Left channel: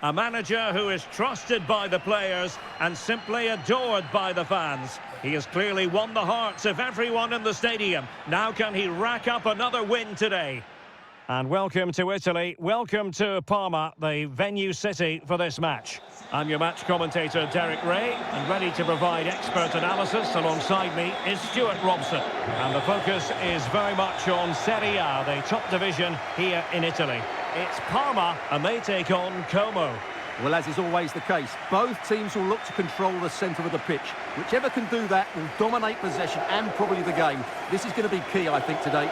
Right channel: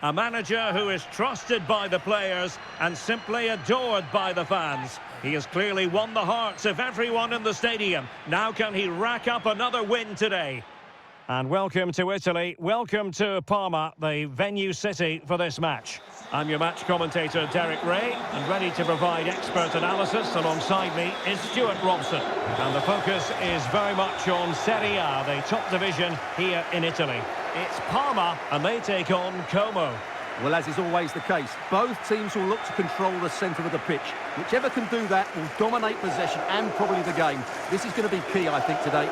A manager who is trusted by the players and simply adored by the fans. He has clearly won the hearts of everyone in the stadium. Now can he rack up another win today? And welcome to Italy, welcome to Parma, the venue city for this match. I'm your match commentator, Derek Ray, and ready to provide expert analysis. Alongside me is Stuart Robson. And the focus is very much on Serie A, the top division here in Italy. It's Parma, and they take on Como. Well, as is always the case, both teams will look to control the centre of the pitch. Whichever can do that will dominate possession and probably the game. This is going to be key, I think, today.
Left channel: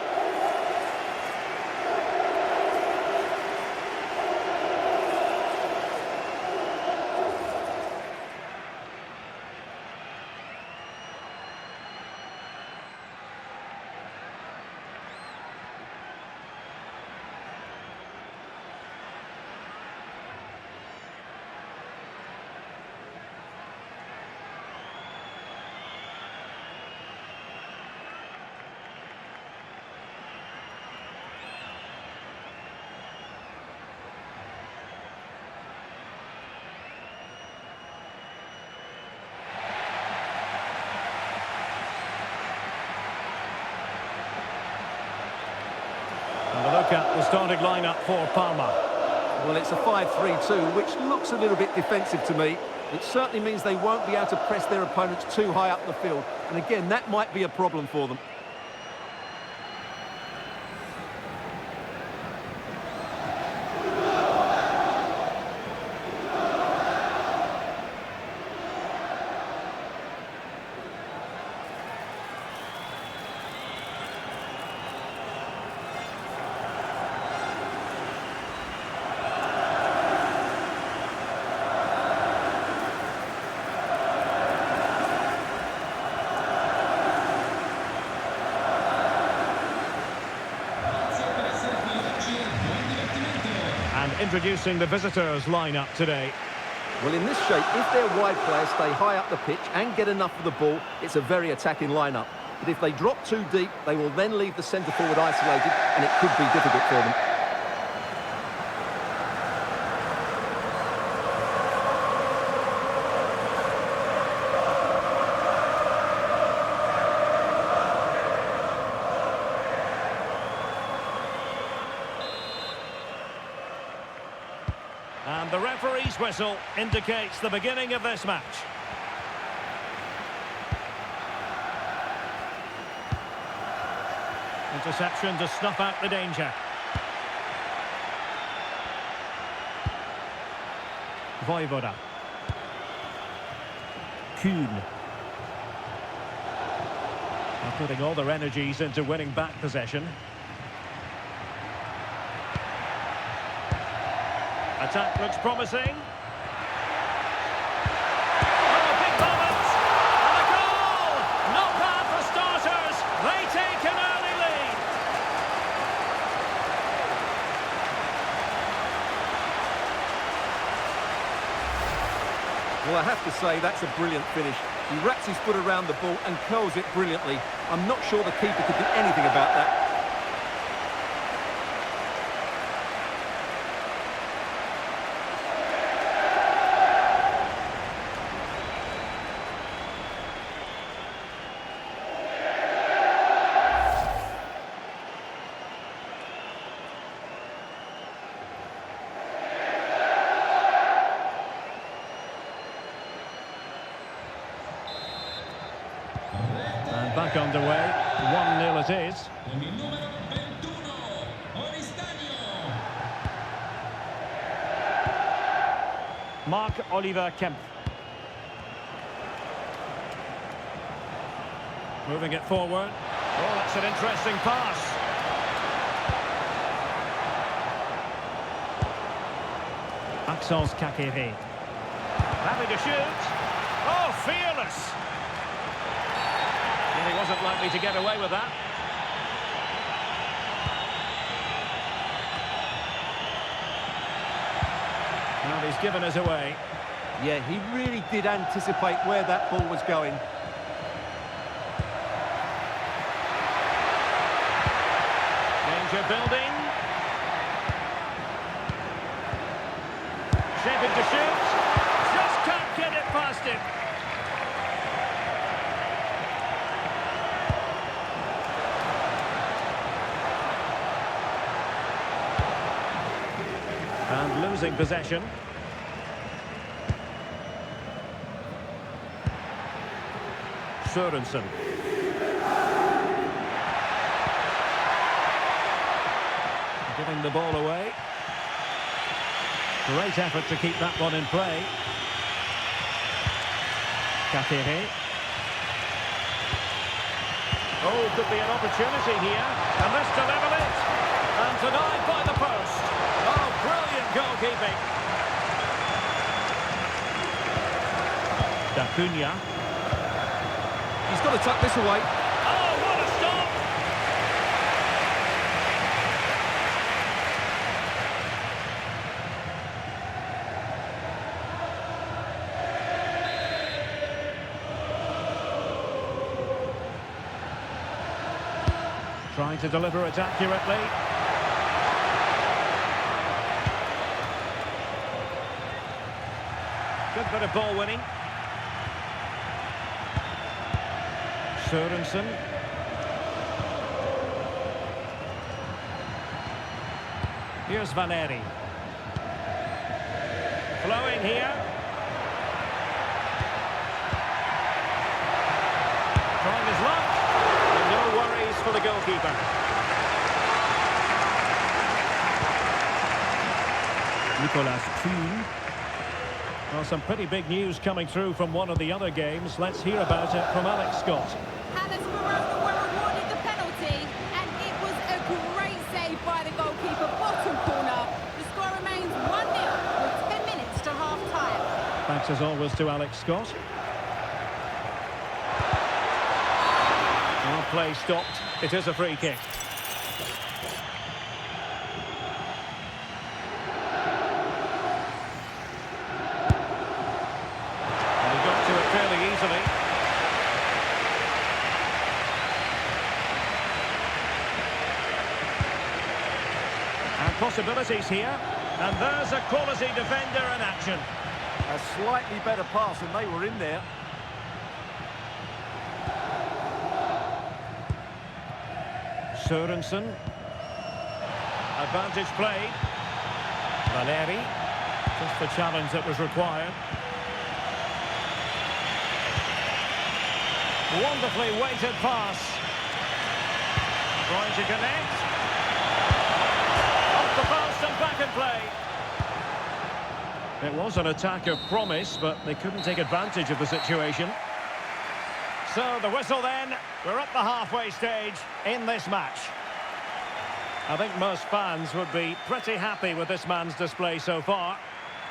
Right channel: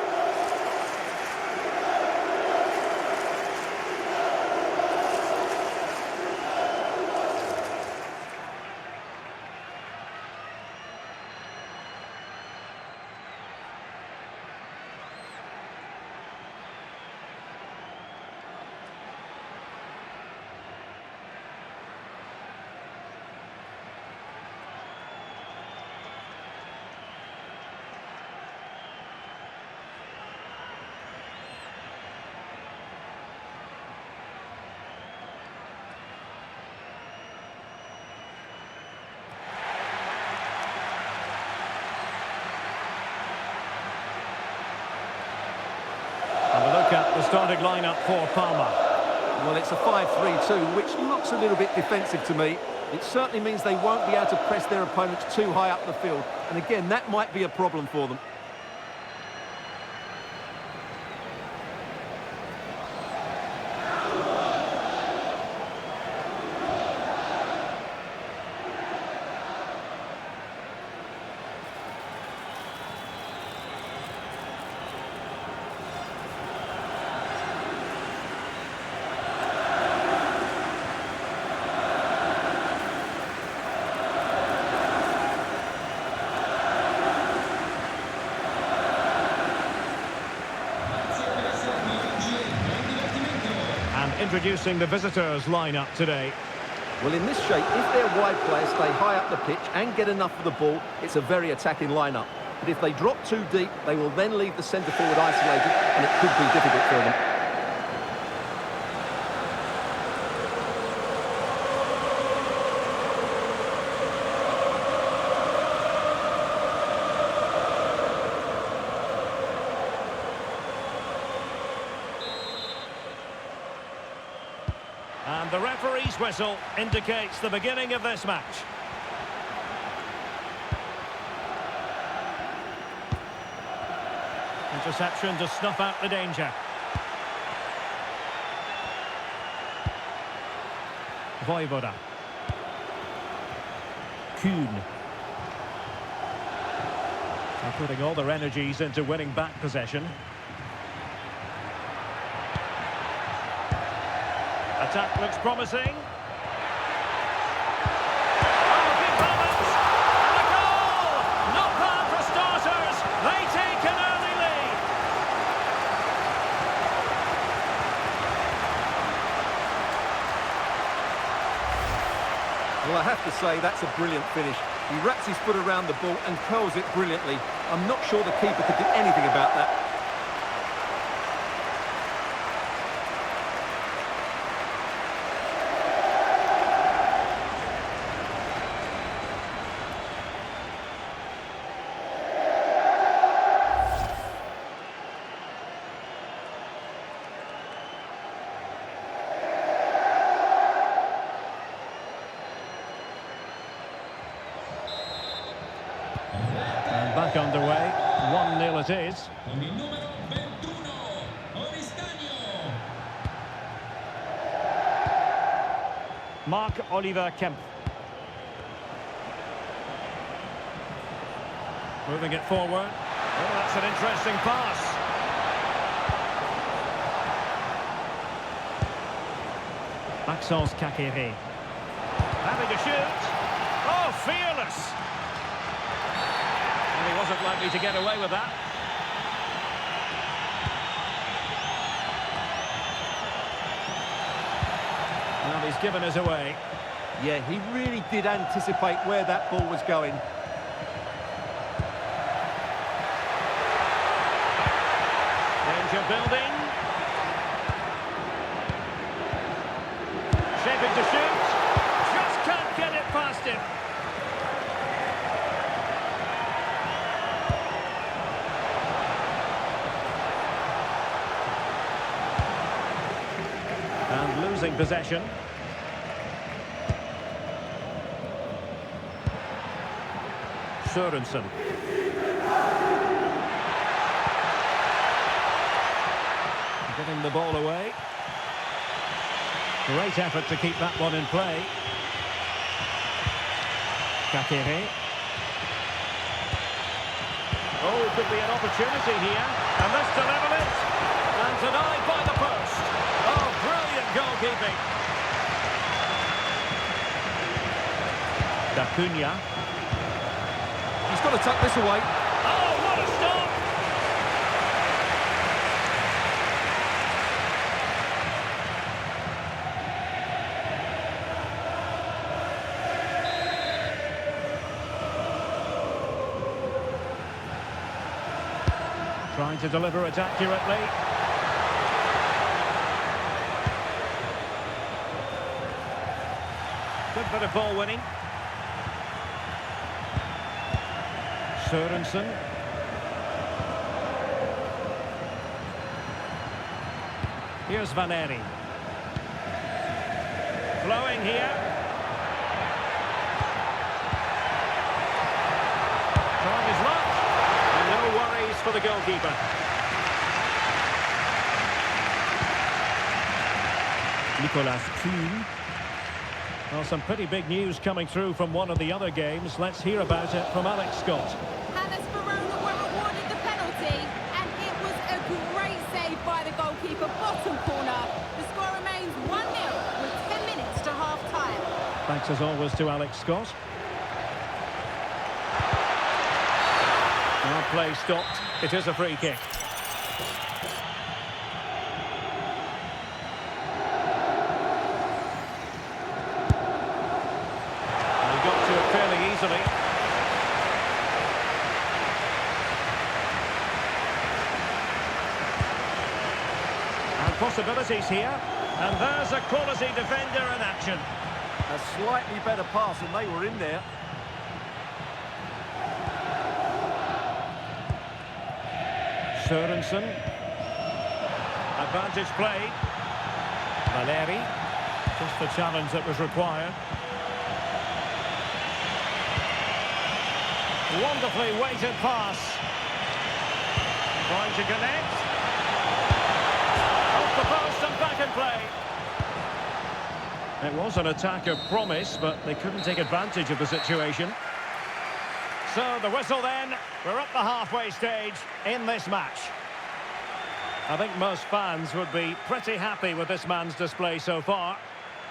And a look at the starting lineup for Parma. Well, it's a 5-3-2, which looks a little bit defensive to me. It certainly means they won't be able to press their opponents too high up the field. And again, that might be a problem for them. And introducing the visitors lineup today. Well, in this shape, if their wide players stay high up the pitch and get enough of the ball, it's a very attacking lineup. But if they drop too deep, they will then leave the centre forward isolated, and it could be difficult for them. And the referee's whistle indicates the beginning of this match. Interception to snuff out the danger. Voivoda. Kuhn. They're putting all their energies into winning back possession. Attack looks promising. Oh, big moment! And a goal! Not bad for starters. They take an early lead. Well, I have to say, that's a brilliant finish. He wraps his foot around the ball and curls it brilliantly. I'm not sure the keeper could do anything about that. And back underway, 1-0 it is. Mark Oliver Kemp. Moving it forward. Oh, that's an interesting pass. Maxence Kakere. Having a shoot. Oh, fearless. And he wasn't likely to get away with that. Well, he's given us away. Yeah, he really did anticipate where that ball was going. Danger building. Shaping to shoot. Just can't get it past him. And losing possession. Sørensen. Giving the ball away. Great effort to keep that one in play. Karьera. Oh, could be an opportunity here. And this to level it. And denied by the post. Oh, brilliant goalkeeping. Acuna. He's got to tuck this away. Oh, what a stop! Trying to deliver it accurately. Good bit of ball winning. Sørensen. Here's Valeri. Flowing here. Trying his luck. And no worries for the goalkeeper. Nicolas Kuhn. Well, some pretty big news coming through from one of the other games. Let's hear about it from Alex Scott. Verona were awarded the penalty, and it was a great save by the goalkeeper, bottom corner. The score remains 1-0 with 10 minutes to half-time. Thanks as always to Alex Scott. Well, play stopped. It is a free kick. And he got to it fairly easily. And possibilities here. And there's a quality defender in action. A slightly better pass, and they were in there. Sørensen. Advantage played. Valeri. Just the challenge that was required. Wonderfully weighted pass. Trying to connect. Off the post and back in play. It was an attack of promise, but they couldn't take advantage of the situation. So the whistle then. We're at the halfway stage in this match. I think most fans would be pretty happy with this man's display so far.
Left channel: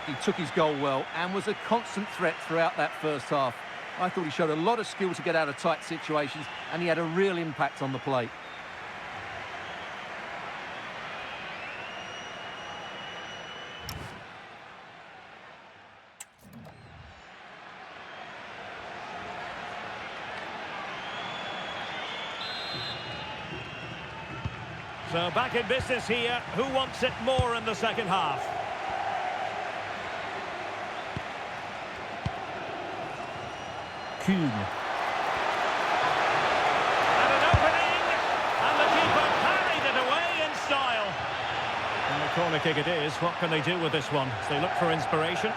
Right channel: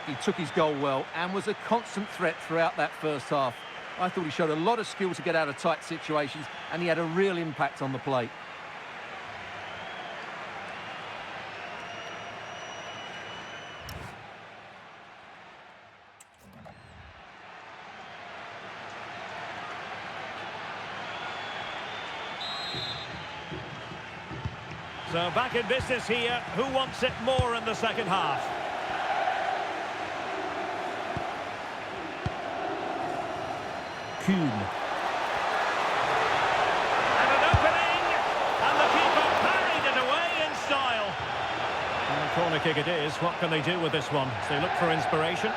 He took his goal well and was a constant threat throughout that first half. I thought he showed a lot of skill to get out of tight situations, and he had a real impact on the plate. So back in business here. Who wants it more in the second half? Kuhn. And an opening. And the keeper parried it away in style. And a corner kick it is. What can they do with this one? As they look for inspiration.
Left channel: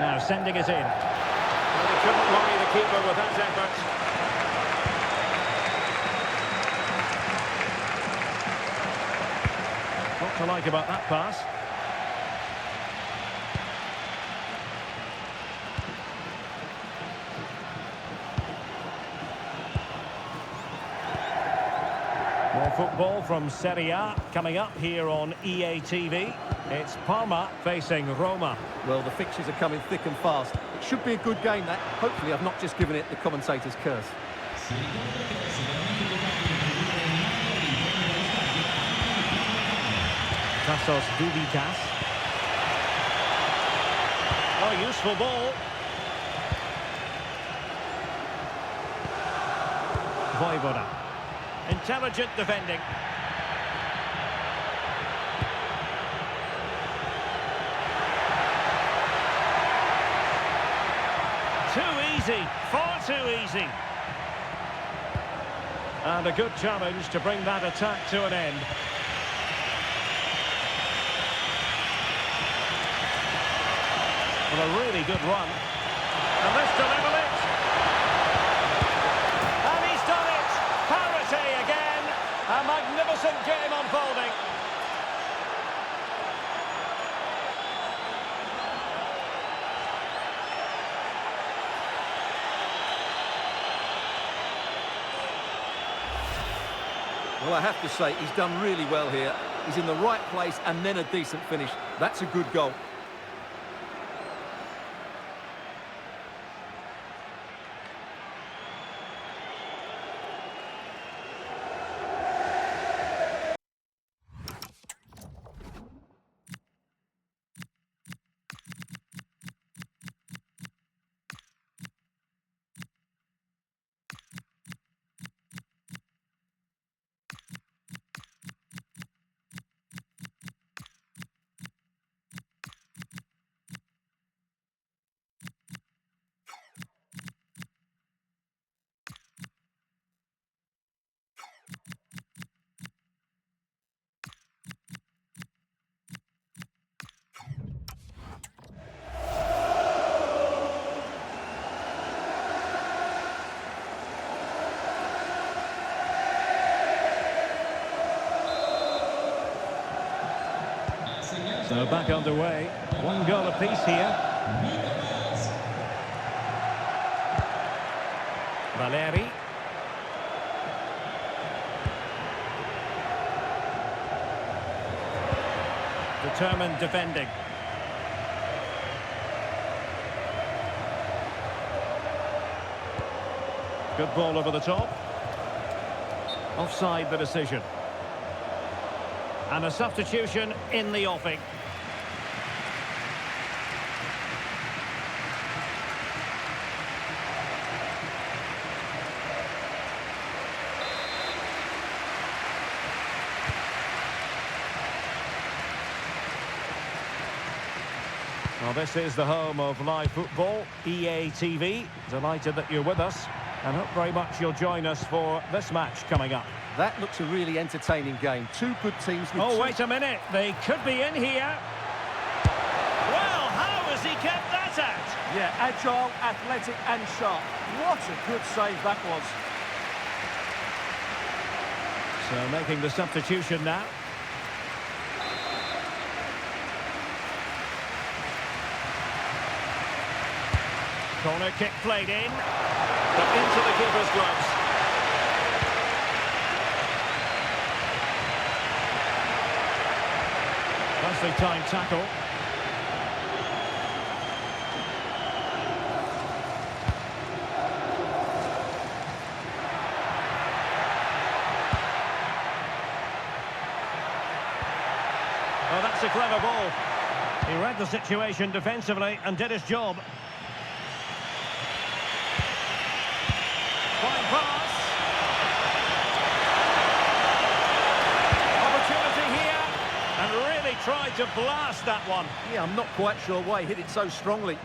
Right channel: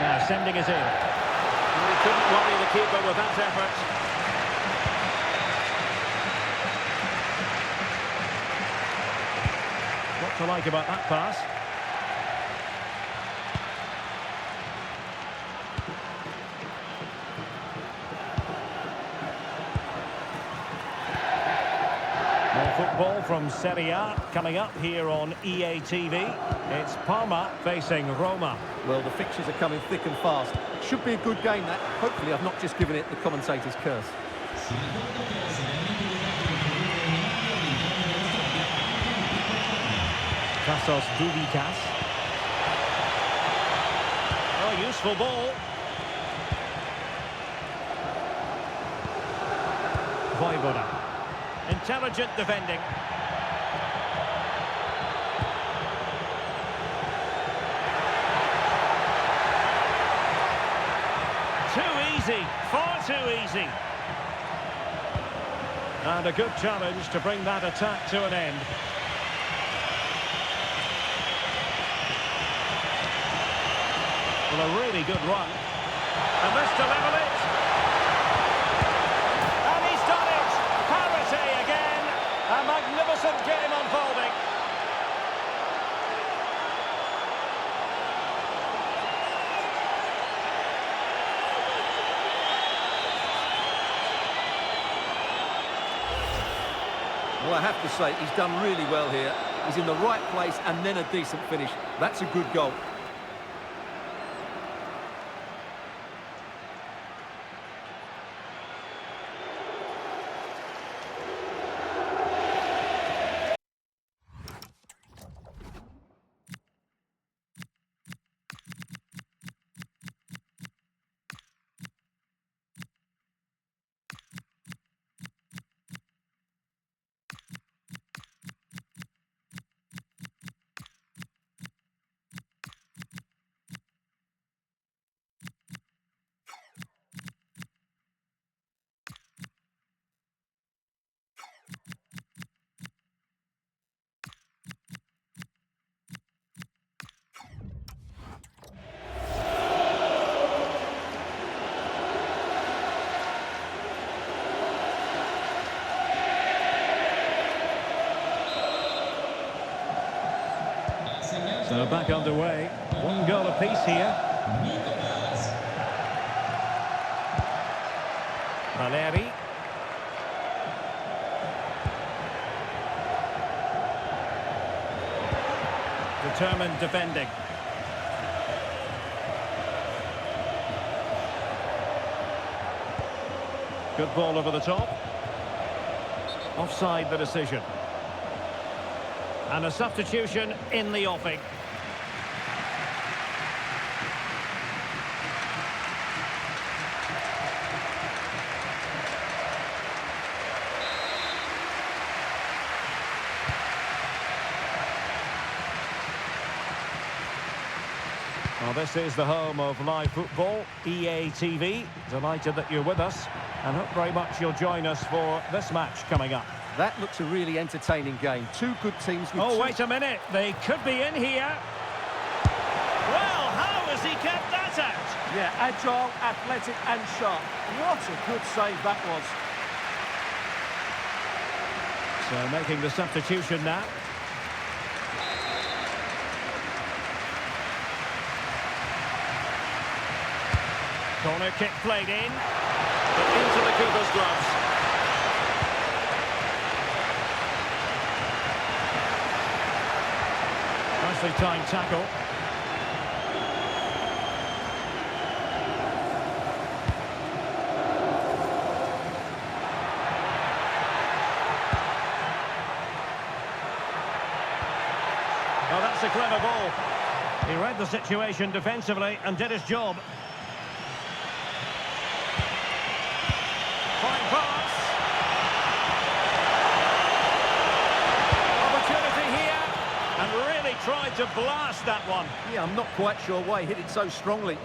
Now sending it in. Well, he couldn't worry the keeper with that effort. What to like about that pass? More football from Serie A coming up here on EA TV. It's Parma facing Roma. Well, the fixtures are coming thick and fast. It should be a good game, that. Hopefully I've not just given it the commentator's curse. Tassos Duvikas. Oh, useful ball. Vojvoda. Intelligent defending. Too easy, far too easy. And a good challenge to bring that attack to an end. Well, a really good run. And this to level it. And he's done it. Parity again. A magnificent game unfolding. Well, I have to say, he's done really well here. He's in the right place and then a decent finish. That's a good goal. So back underway. One goal apiece here. Valeri. Determined defending. Good ball over the top. Offside the decision. And a substitution in the offing. Well, this is the home of live football, EA TV. Delighted that you're with us, and hope very much you'll join us for this match coming up. That looks a really entertaining game. Two good teams with Wait a minute. They could be in here. Well, how has he kept that out? Yeah, agile, athletic and sharp. What a good save that was. So making the substitution now. Corner kick played in, but into the keeper's gloves. Nicely timed tackle. Oh, that's a clever ball. He read the situation defensively and did his job. Fine pass. Opportunity here. And really tried to blast that one. Yeah, I'm not quite sure why he hit it so strongly.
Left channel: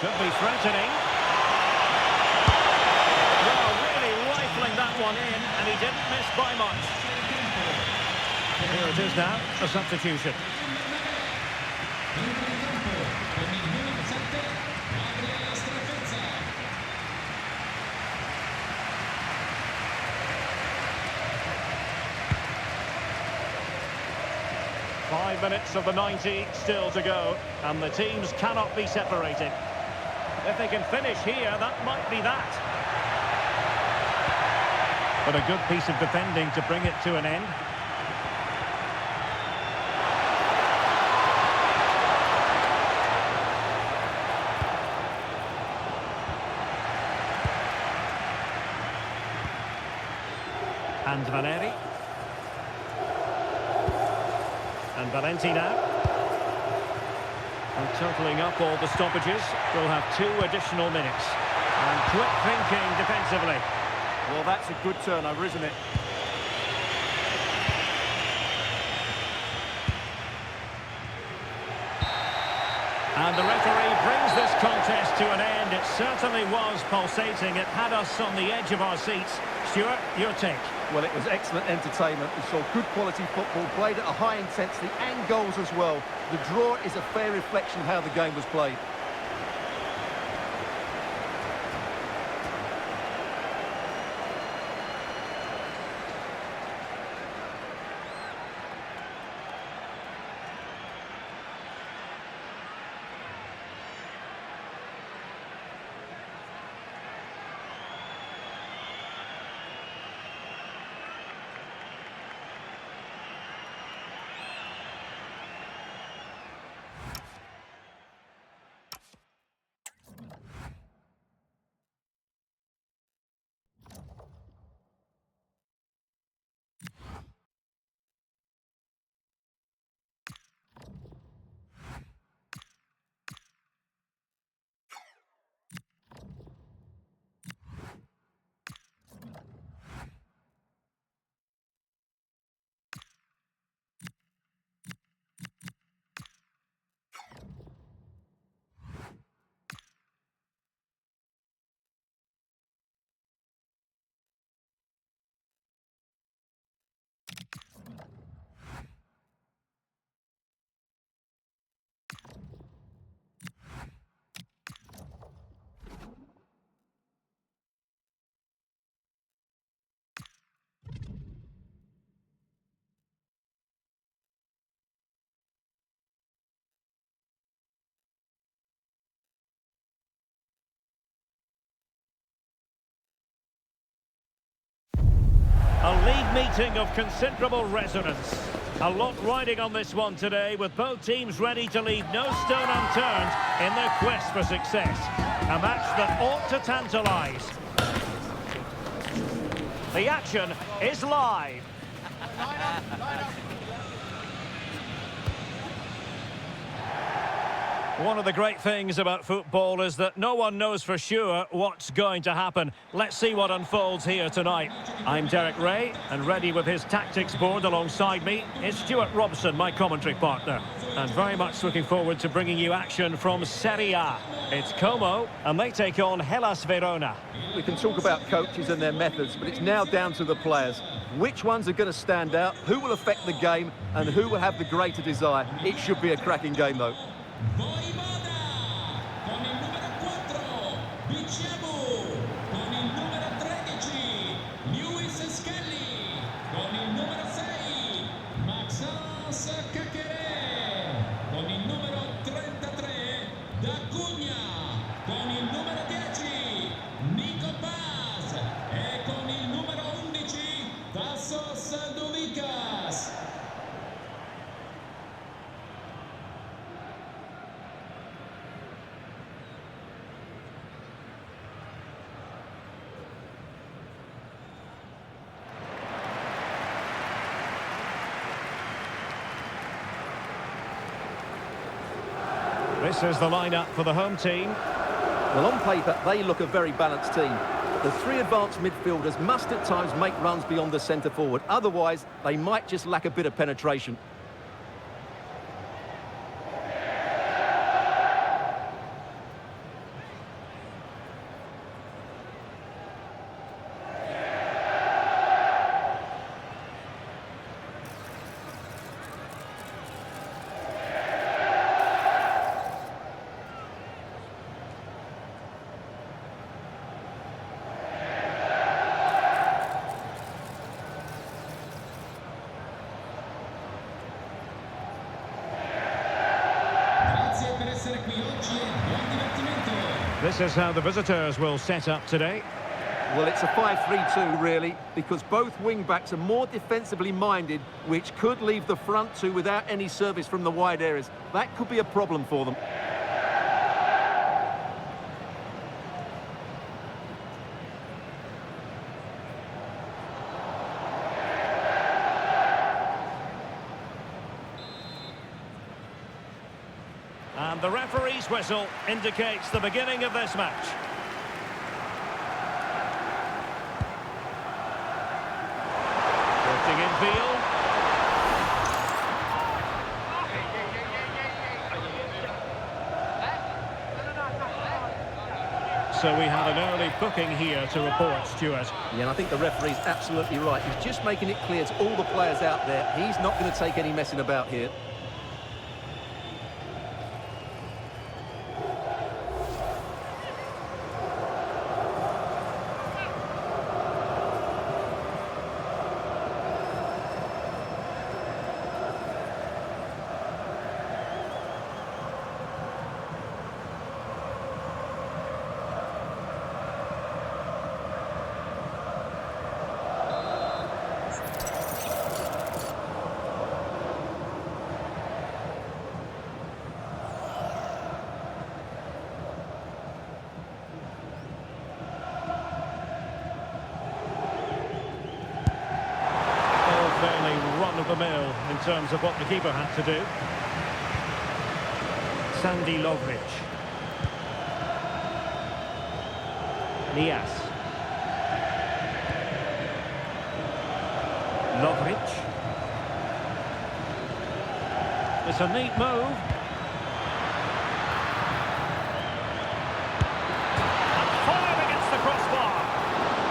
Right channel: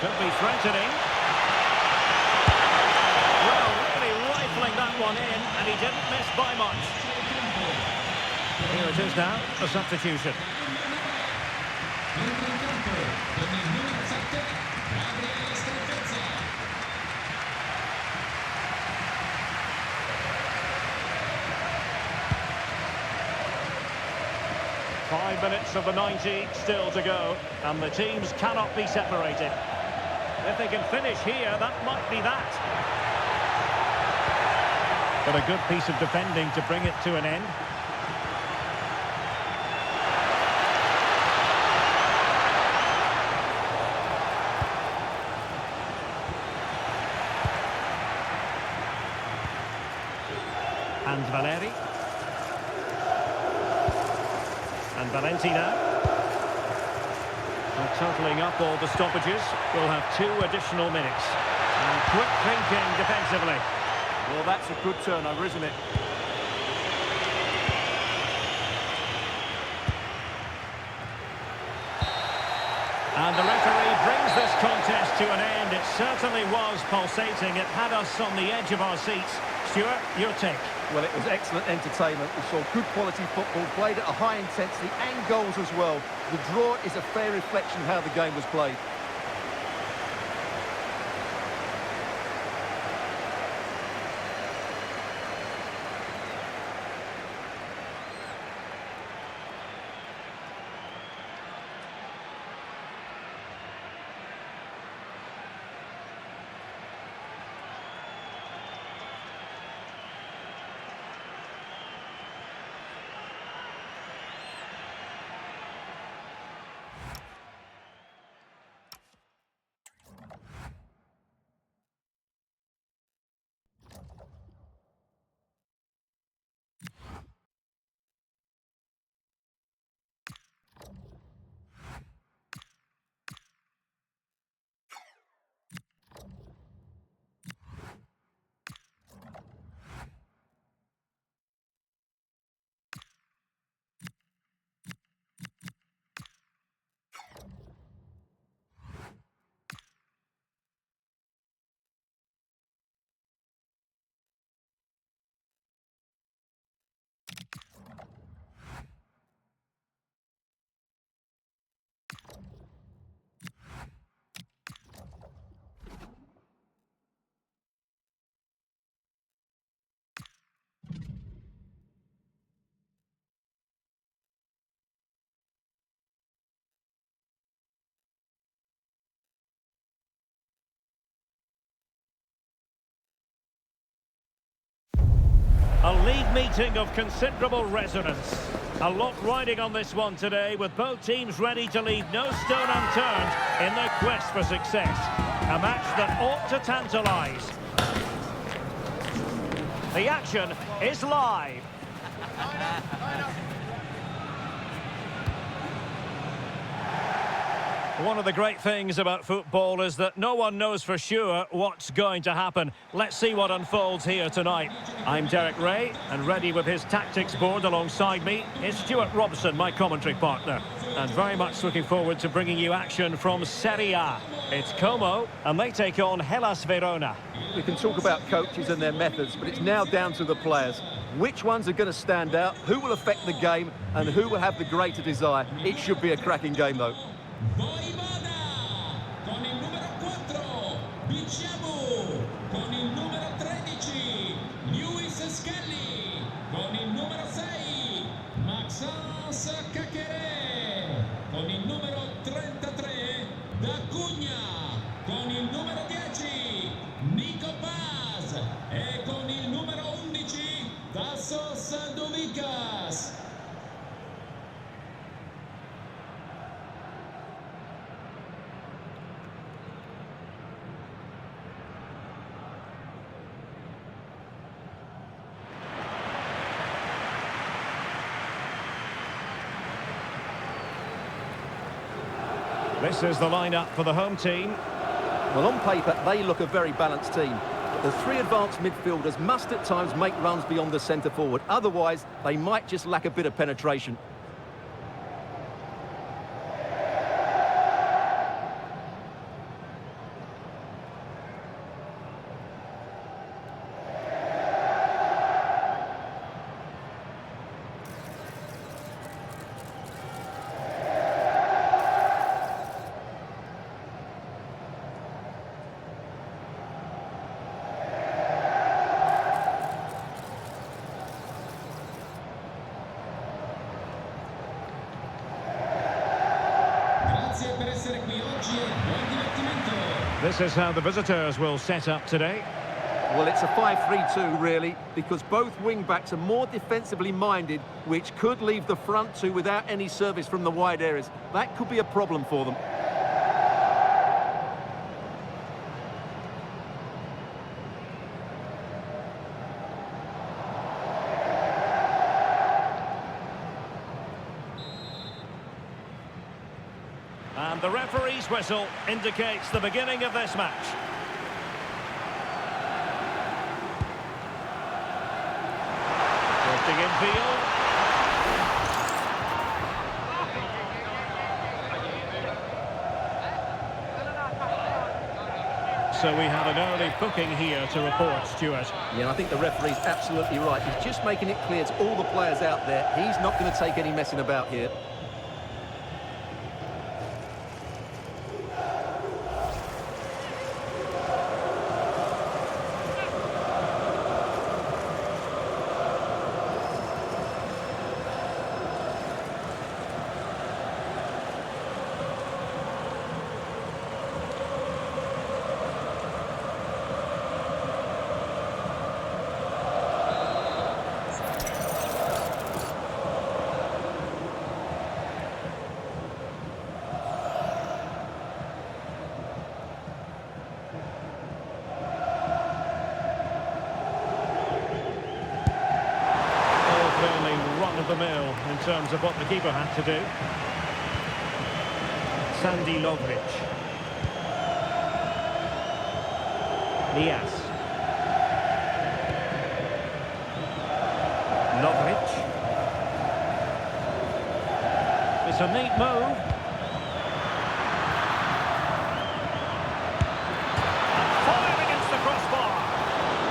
Could be threatening. Well, really rifling that one in, and he didn't miss by much. Here it is now, a substitution. Five minutes of the 90 still to go, and the teams cannot be separated. If they can finish here, that might be that. But a good piece of defending to bring it to an end. And Valeri. And Valenti now. And totalling up all the stoppages, we'll have 2 additional minutes. And quick thinking defensively. Well, that's a good turnover, isn't it? And the referee brings this contest to an end. It certainly was pulsating. It had us on the edge of our seats. Stuart, your take? Well, it was excellent entertainment. We saw good quality football, played at a high intensity and goals as well. The draw is a fair reflection of how the game was played. A league meeting of considerable resonance. A lot riding on this one today, with both teams ready to leave no stone unturned in their quest for success. A match that ought to tantalise. The action is live. One of the great things about football is that no one knows for sure what's going to happen. Let's see what unfolds here tonight. I'm Derek Ray, and ready with his tactics board alongside me is Stuart Robson, my commentary partner. And very much looking forward to bringing you action from Serie A. It's Como, and they take on Hellas Verona. We can talk about coaches and their methods, but it's now down to the players. Which ones are going to stand out, who will affect the game, and who will have the greater desire? It should be a cracking game, though. Con il numero 4 Bicciabu, con il numero 13 Lewis Skelly, con il numero 6 Maxence Caqueret, con il numero 33 D'Acugna, con il numero 10 Nico Paz e con il numero 11 Tassos Duvicas. This is the lineup for the home team. Well, on paper, they look a very balanced team. But the 3 advanced midfielders must at times make runs beyond the centre forward. Otherwise, they might just lack a bit of penetration. Grazie per essere qui oggi e buon divertimento. This is how the visitors will set up today. Well, it's a 5-3-2, really, because both wing-backs are more defensively minded, which could leave the front 2 without any service from the wide areas. That could be a problem for them. And the referee's whistle indicates the beginning of this match. Drifting infield. So we have an early booking here to report, Stuart. Yeah, and I think the referee's absolutely right. He's just making it clear to all the players out there, he's not going to take any messing about here. Fairly run-of-the-mill in terms of what the keeper had to do. Sandy Lovric. Nias. Lovric. It's a neat move. And fired against the crossbar.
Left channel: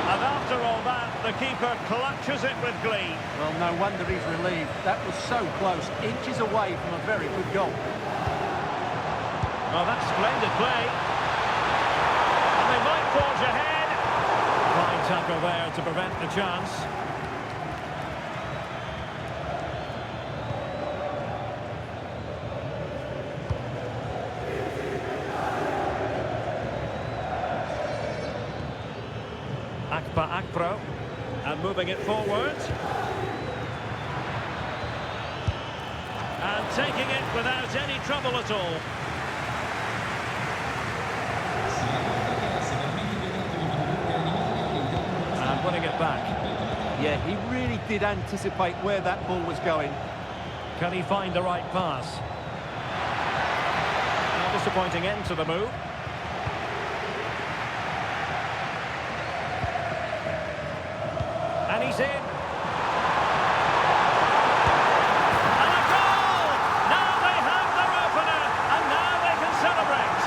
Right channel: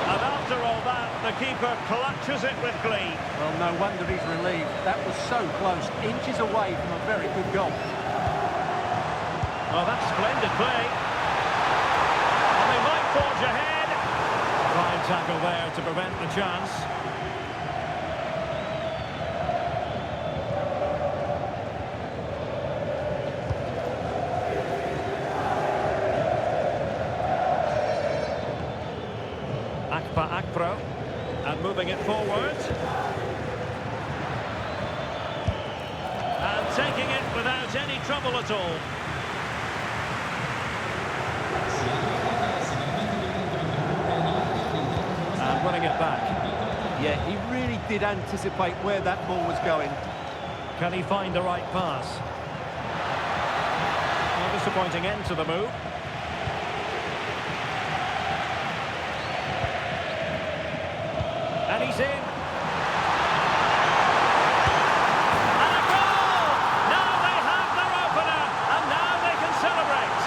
And after all that, the keeper clutches it with glee. Well, no wonder he's relieved. That was so close, inches away from a very good goal. Well, that's splendid play. And they might forge ahead. Fine tackle there to prevent the chance. Akpro, and moving it forward. And taking it without any trouble at all. And winning it back. Yeah, he really did anticipate where that ball was going. Can he find the right pass? A disappointing end to the move. And he's in. And a goal! Now they have their opener, and now they can celebrate.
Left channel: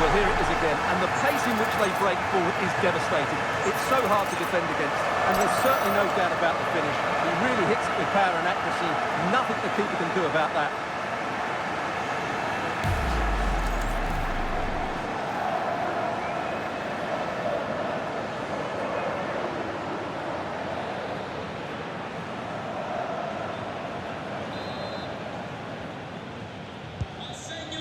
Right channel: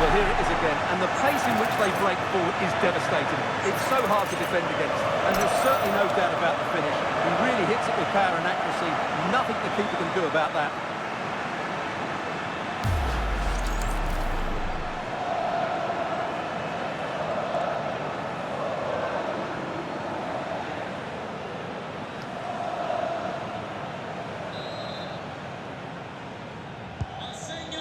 Well, here it is again, and the pace in which they break forward is devastating. It's so hard to defend against, and there's certainly no doubt about the finish. He really hits it with power and accuracy. Nothing the keeper can do about that.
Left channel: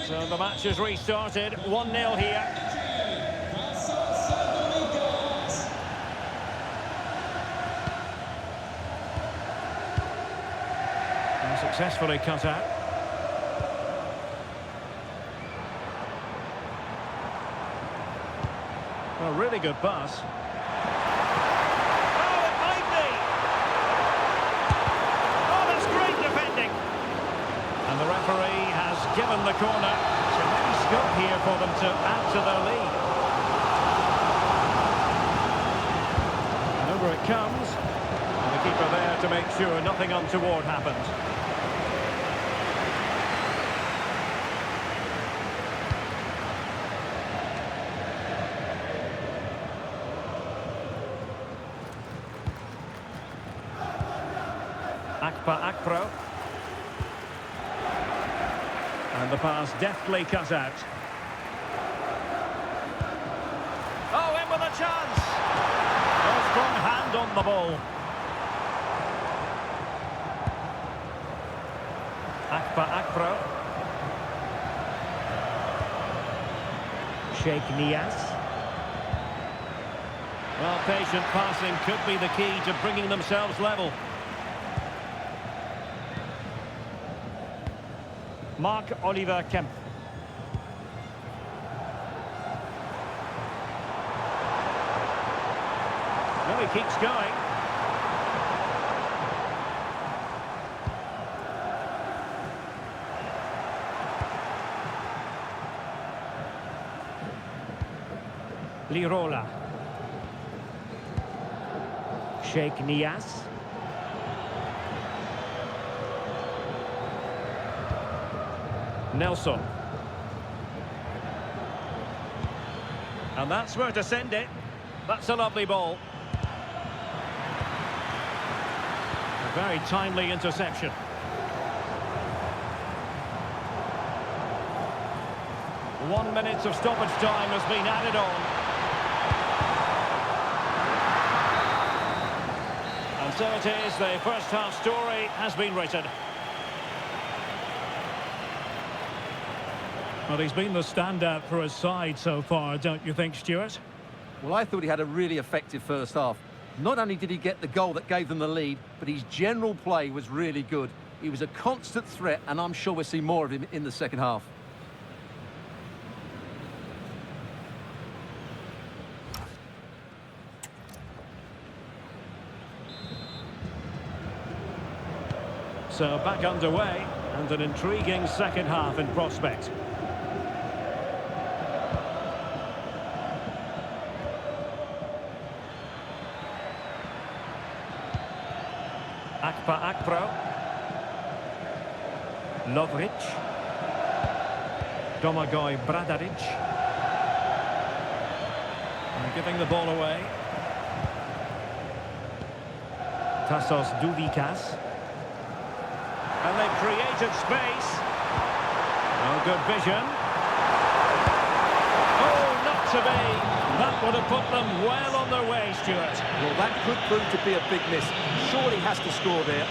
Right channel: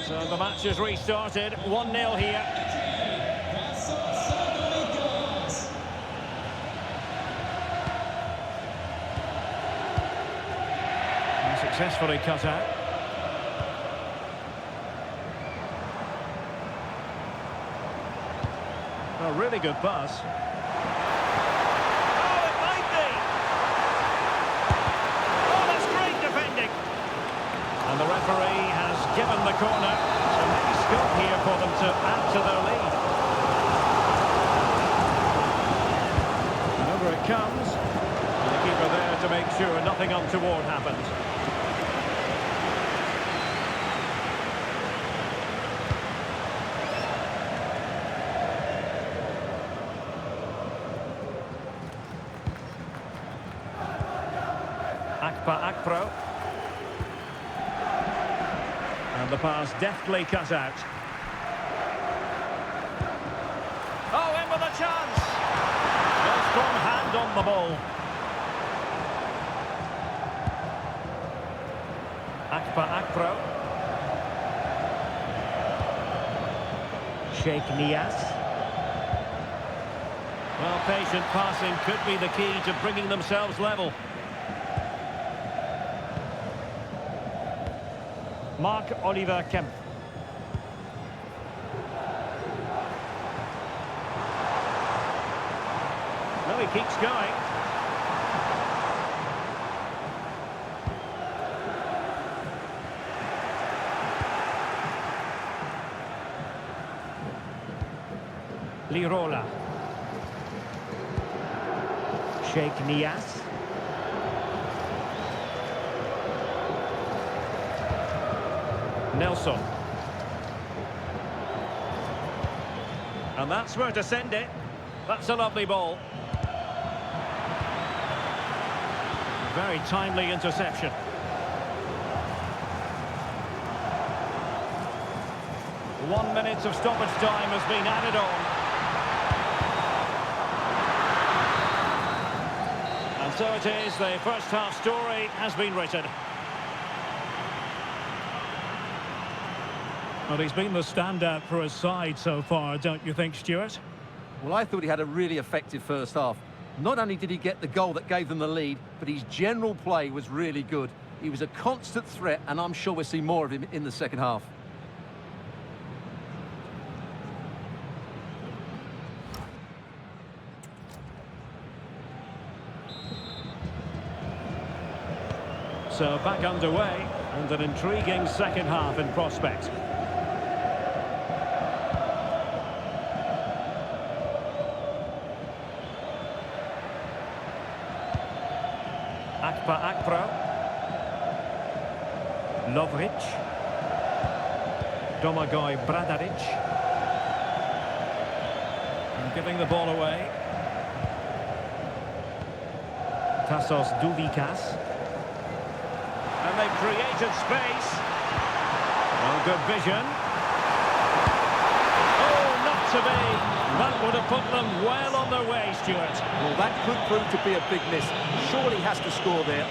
So the match has restarted, 1-0 here. And successfully cut out. A really good pass. Oh, it might be! Oh, that's great defending! And the referee has given the corner, so maybe scope here for them to add to their lead. And over it comes, and the keeper there to make sure nothing untoward happened. Akpro. And the pass deftly cut out. Oh, in with a chance! A strong hand on the ball. Akpro. Sheikh Nias. Well, patient passing could be the key to bringing themselves level. Mark Oliver Kemp. No, he keeps going. Lirola. Sheikh Nias. Nelson. And that's where to send it. That's a lovely ball. A very timely interception. One minute of stoppage time has been added on. And so it is, the first half story has been written. Well, he's been the standout for his side so far, don't you think, Stuart? Well, I thought he had a really effective first half. Not only did he get the goal that gave them the lead, but his general play was really good. He was a constant threat, and I'm sure we'll see more of him in the second half. So back underway, and an intriguing second half in prospect. Akpro. Lovric. Domagoj Bradaric. And giving the ball away. Tassos Douvikas. And they've created space. Oh, good vision. Oh, not to be. That would have put them well on their way, Stuart. Well, that could prove to be a big miss. Surely has to score there.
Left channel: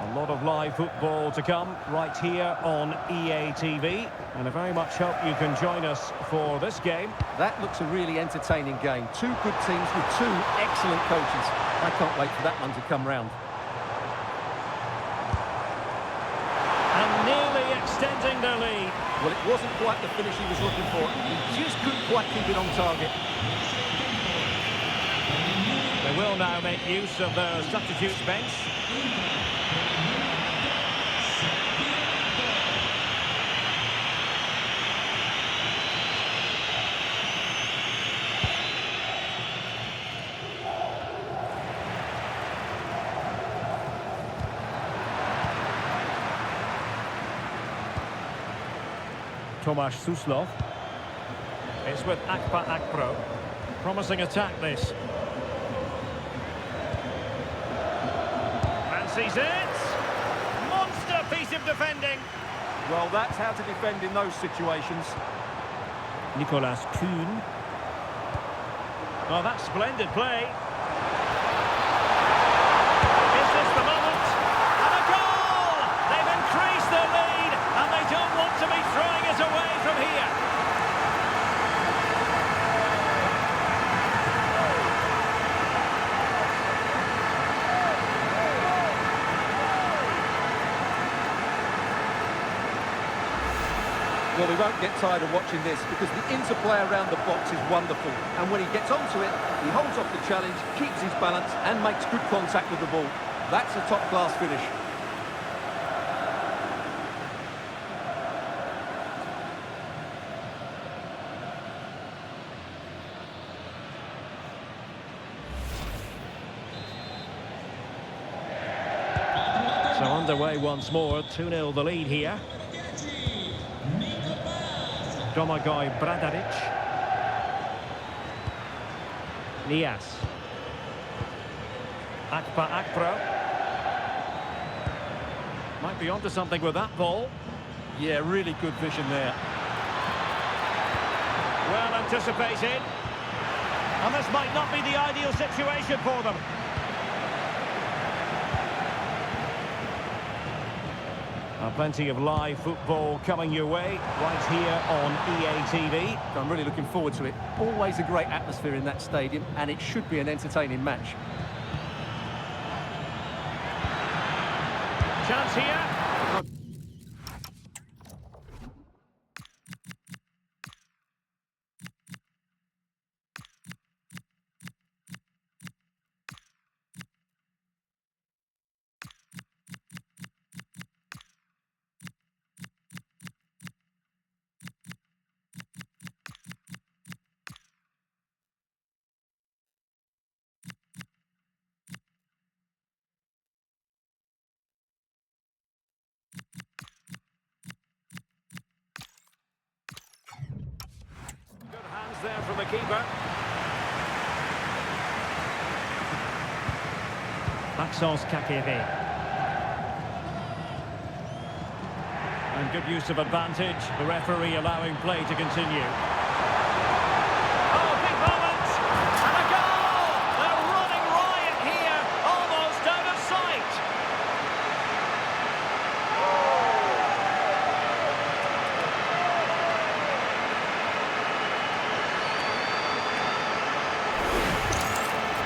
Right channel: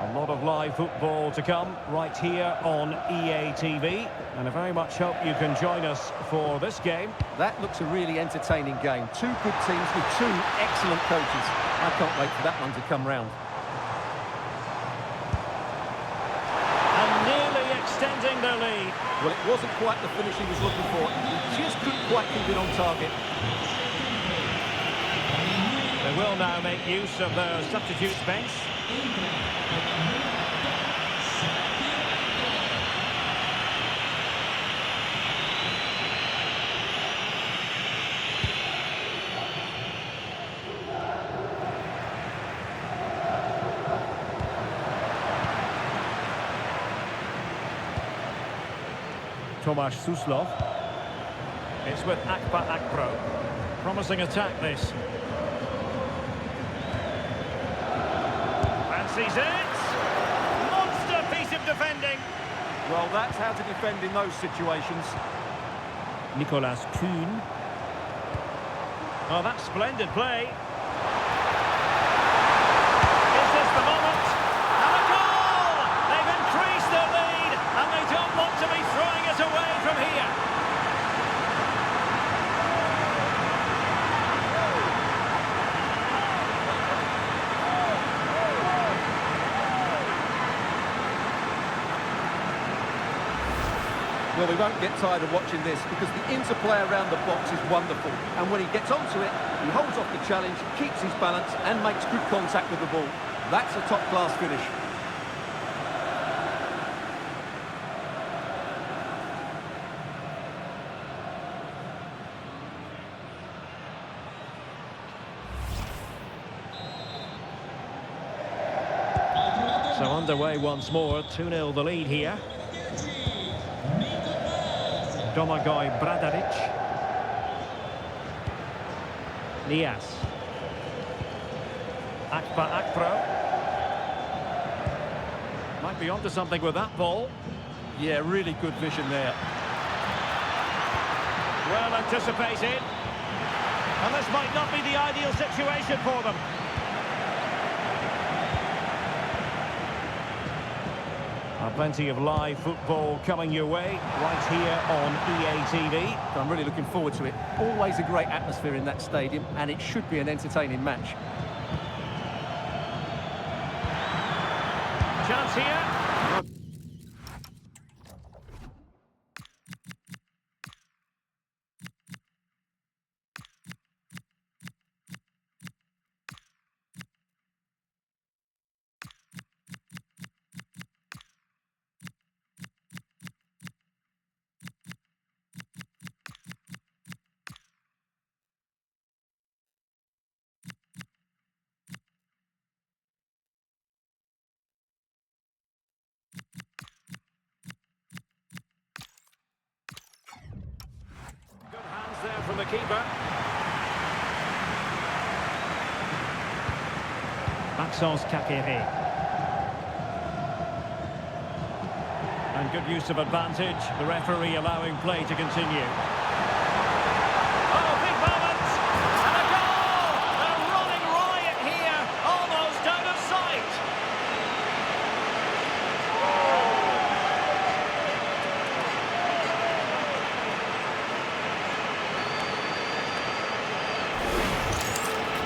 A lot of live football to come right here on EA TV, and I very much hope you can join us for this game. That looks a really entertaining game. Two good teams with two excellent coaches. I can't wait for that one to come round. And nearly extending their lead. Well, it wasn't quite the finish he was looking for. He just couldn't quite keep it on target. They will now make use of their substitutes bench. Tomasz Suslov. It's with Akpro. Promising attack, this. Fancies it. Monster piece of defending. Well, that's how to defend in those situations. Nicolas Kuhn. Oh, that's splendid play. Is this the moment? And a goal! They've increased their lead, and they don't want to be throwing it away from here. Well, we won't get tired of watching this because the interplay around the box is wonderful. And when he gets onto it, he holds off the challenge, keeps his balance and makes good contact with the ball. That's a top-class finish. So underway once more, 2-0 the lead here. Domagoj Bradaric. Nias. Akpro. Might be onto something with that ball. Yeah, really good vision there. Well anticipated. And this might not be the ideal situation for them. Plenty of live football coming your way right here on EA TV. I'm really looking forward to it. Always a great atmosphere in that stadium, and it should be an entertaining match. Chance here. Good hands there from the keeper. Maxence Carriere. And good use of advantage. The referee allowing play to continue. Oh, big moment! And a goal! They're running riot here, almost out of sight.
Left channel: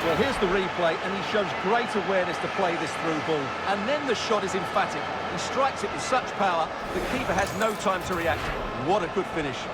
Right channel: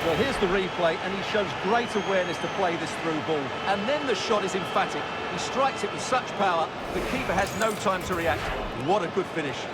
Well, here's the replay, and he shows great awareness to play this through ball. And then the shot is emphatic. He strikes it with such power, the keeper has no time to react. What a good finish.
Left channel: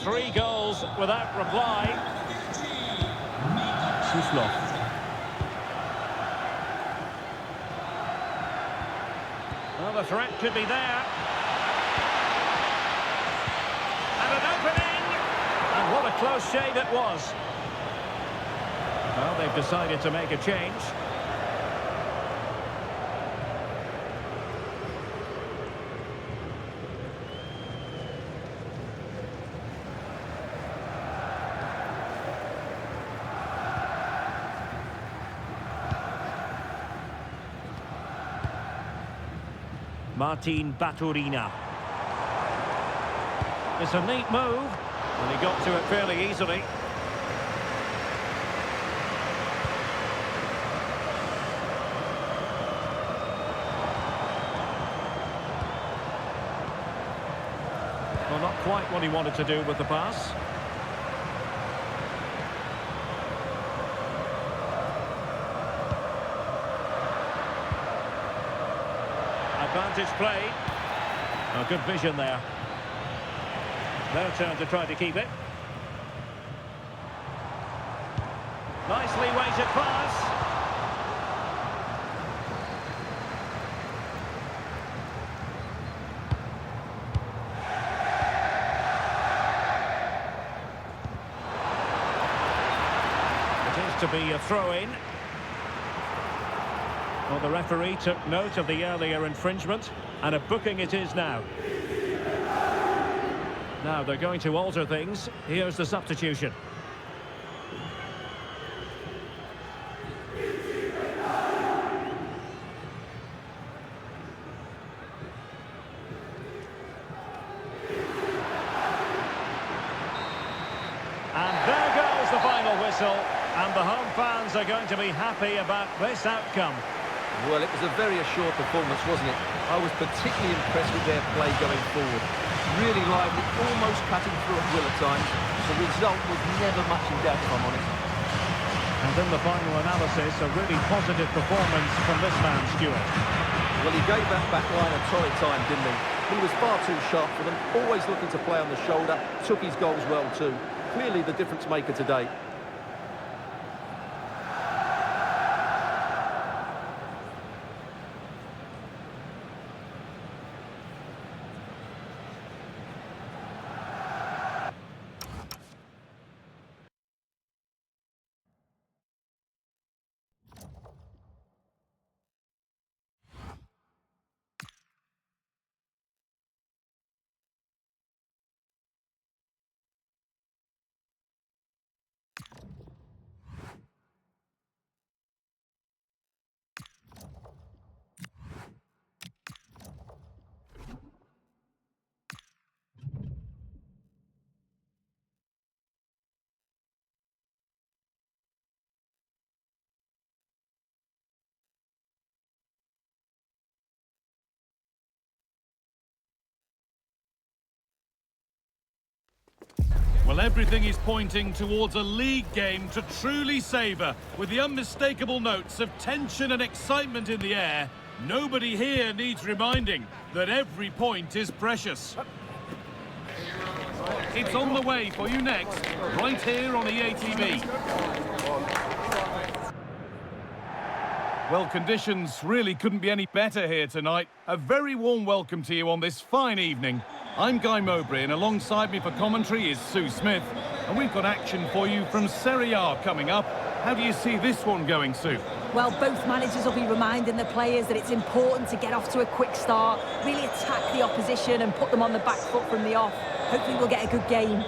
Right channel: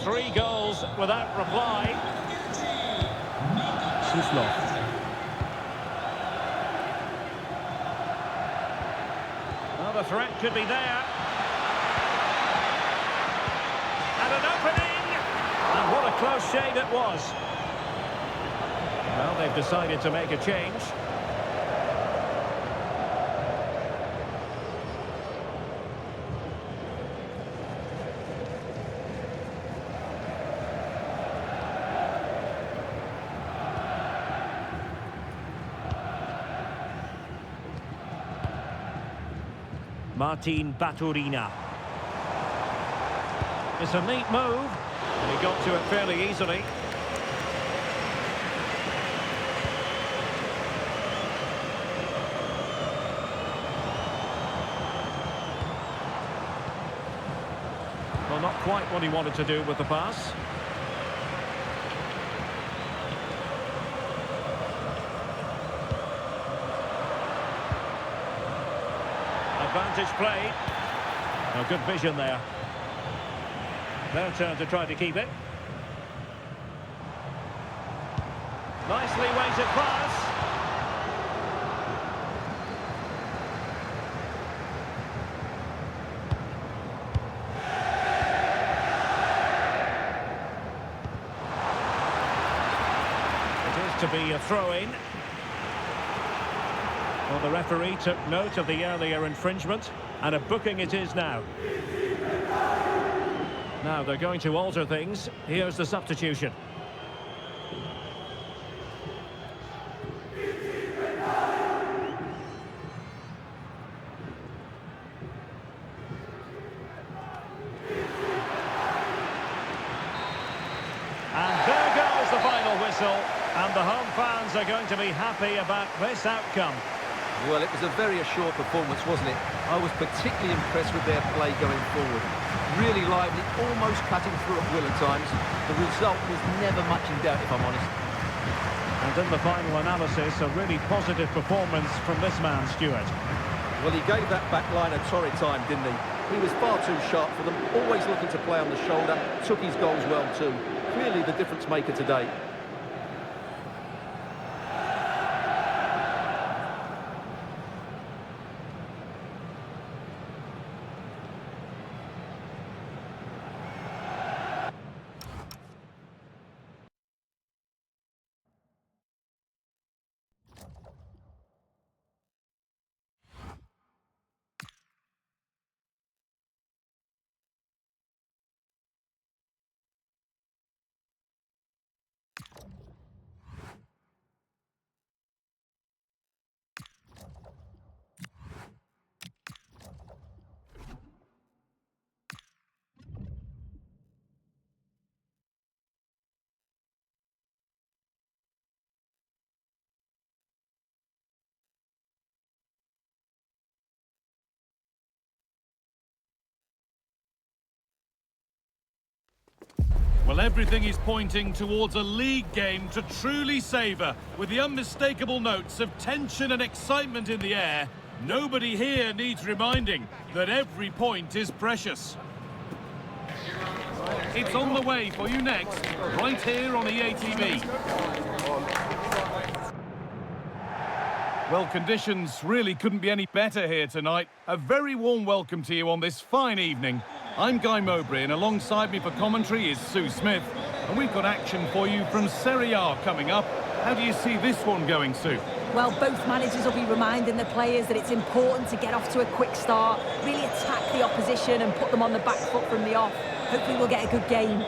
Three goals without reply. Suslov. Well, the threat could be there. And an opening! And what a close shave it was. Well, they've decided to make a change. Martin Baturina. It's a neat move, and he got to it fairly easily. Well, not quite what he wanted to do with the pass. Advantage played. Oh, good vision there. Their turn to try to keep it. Nicely weighted pass. It is to be a throw-in. Well, the referee took note of the earlier infringement, and a booking it is now. Now they're going to alter things. Here's the substitution. And there goes the final whistle, and the home fans are going to be happy about this outcome. Well, it was a very assured performance, wasn't it? I was particularly impressed with their play going forward. Really lively, almost cutting through at will at times. The result was never much in doubt, if I'm honest. And in the final analysis, a really positive performance from this man, Stuart. Well, he gave that back line a torrid time, didn't he? He was far too sharp for them, always looking to play on the shoulder, took his goals well too. Clearly the difference maker today. Well, everything is pointing towards a league game to truly savour, with the unmistakable notes of tension and excitement in the air. Nobody here needs reminding that every point is precious. It's on the way for you next, right here on EA TV. Well, conditions really couldn't be any better here tonight. A very warm welcome to you on this fine evening. I'm Guy Mowbray, and alongside me for commentary is Sue Smith. And we've got action for you from Serie A coming up. How do you see this one going, Sue? Well, both managers will be reminding the players that it's important to get off to a quick start, really attack the opposition and put them on the back foot from the off. Hopefully we'll get a good game.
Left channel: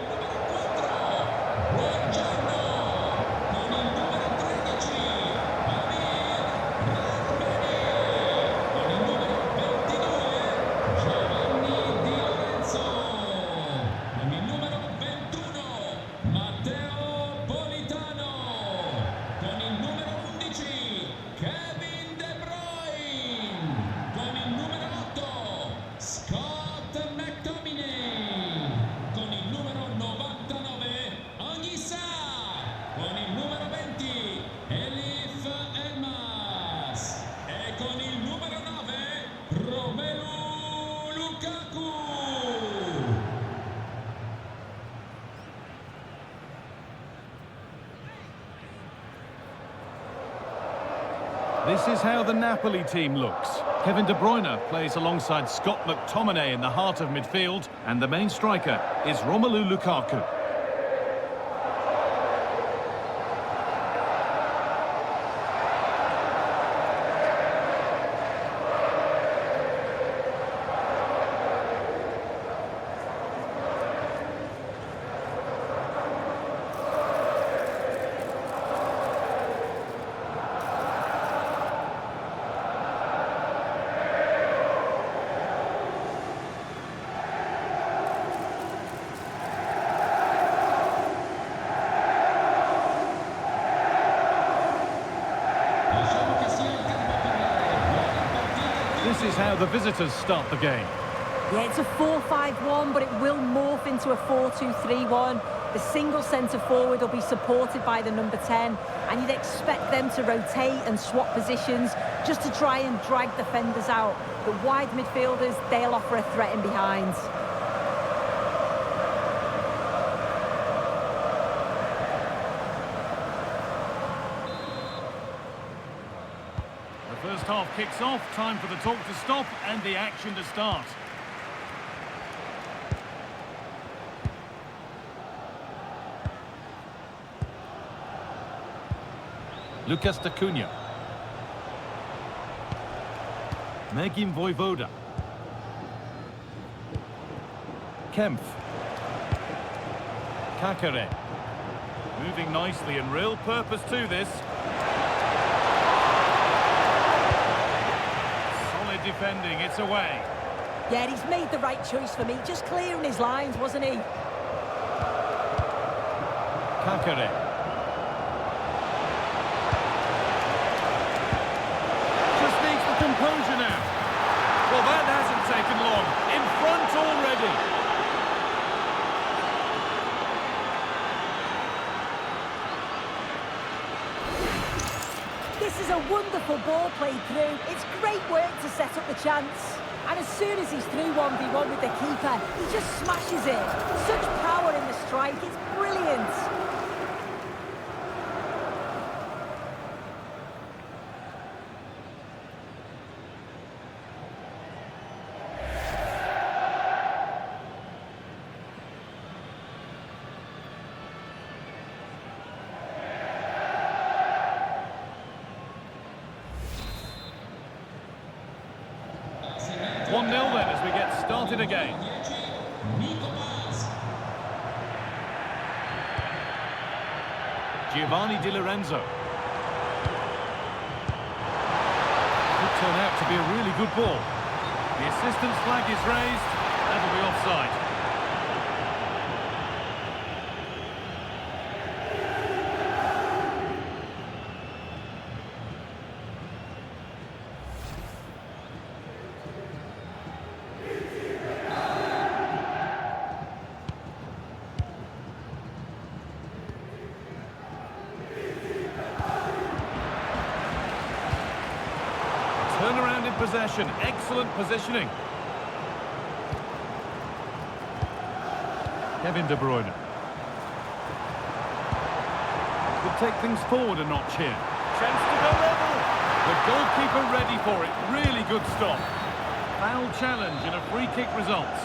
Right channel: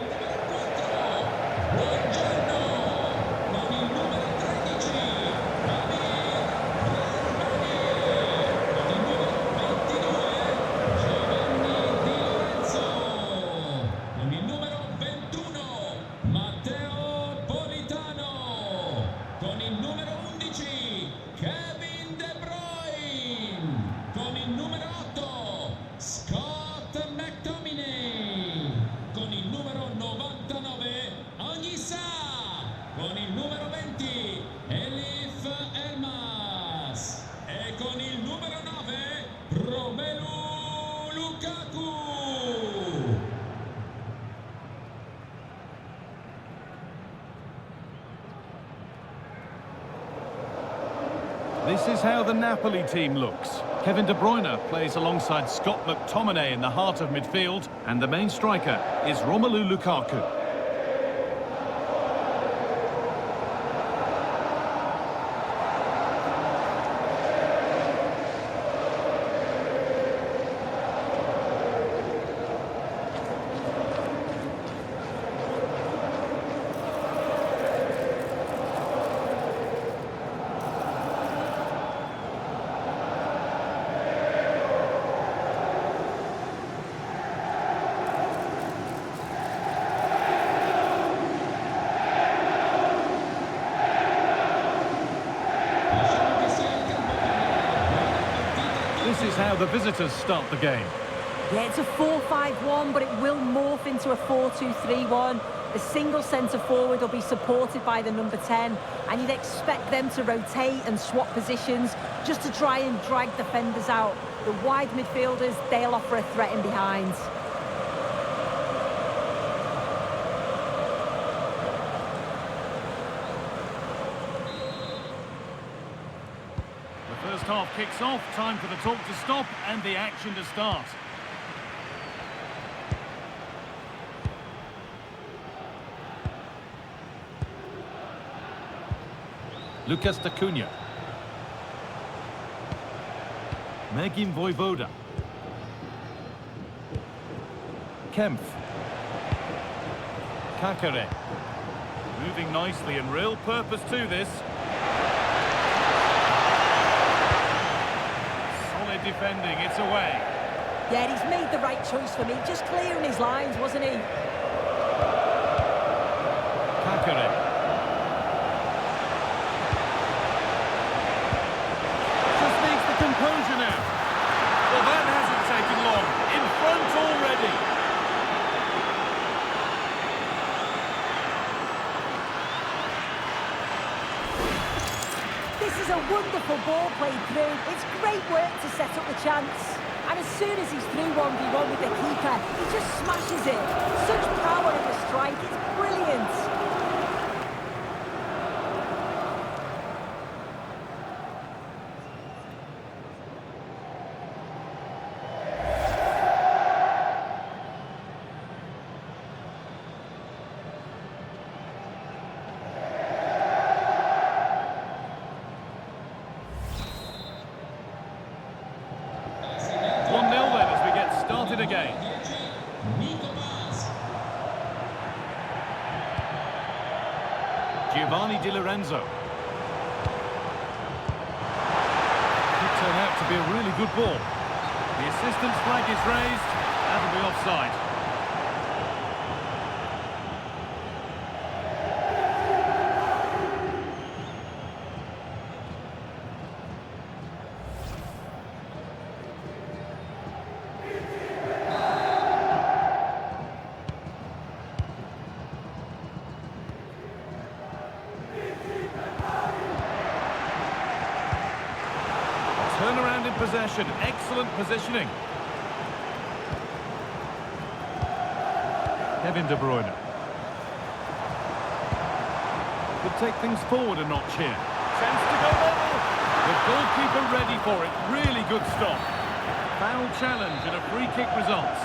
This is how the Napoli team looks. Kevin De Bruyne plays alongside Scott McTominay in the heart of midfield, and the main striker is Romelu Lukaku. This is how the visitors start the game. Yeah, it's a 4-5-1, but it will morph into a 4-2-3-1. The single centre-forward will be supported by the number 10, and you'd expect them to rotate and swap positions just to try and drag defenders out. The wide midfielders, they'll offer a threat in behind. The first half kicks off, time for the talk to stop and the action to start. Lucas D'Acunha. Megin Voivoda. Kempf. Kakare. Moving nicely and real purpose to this. Solid defending, it's away. Yeah, he's made the right choice for me. Just clearing his lines, wasn't he? Kakare. Just needs the composure now. Well, that hasn't taken long. In front already. This is a wonderful ball played through. It's great work to set up the chance. And as soon as he's through 1v1 with the keeper, he just smashes it. Such power in the strike, it's brilliant. Started again. Giovanni Di Lorenzo. Could turn out to be a really good ball. The assistant's flag is raised. That'll be offside. one-handed possession. Excellent positioning. Kevin De Bruyne. Could take things forward a notch here. Chance to go level. The goalkeeper ready for it. Really good stop. Foul challenge and a free kick results.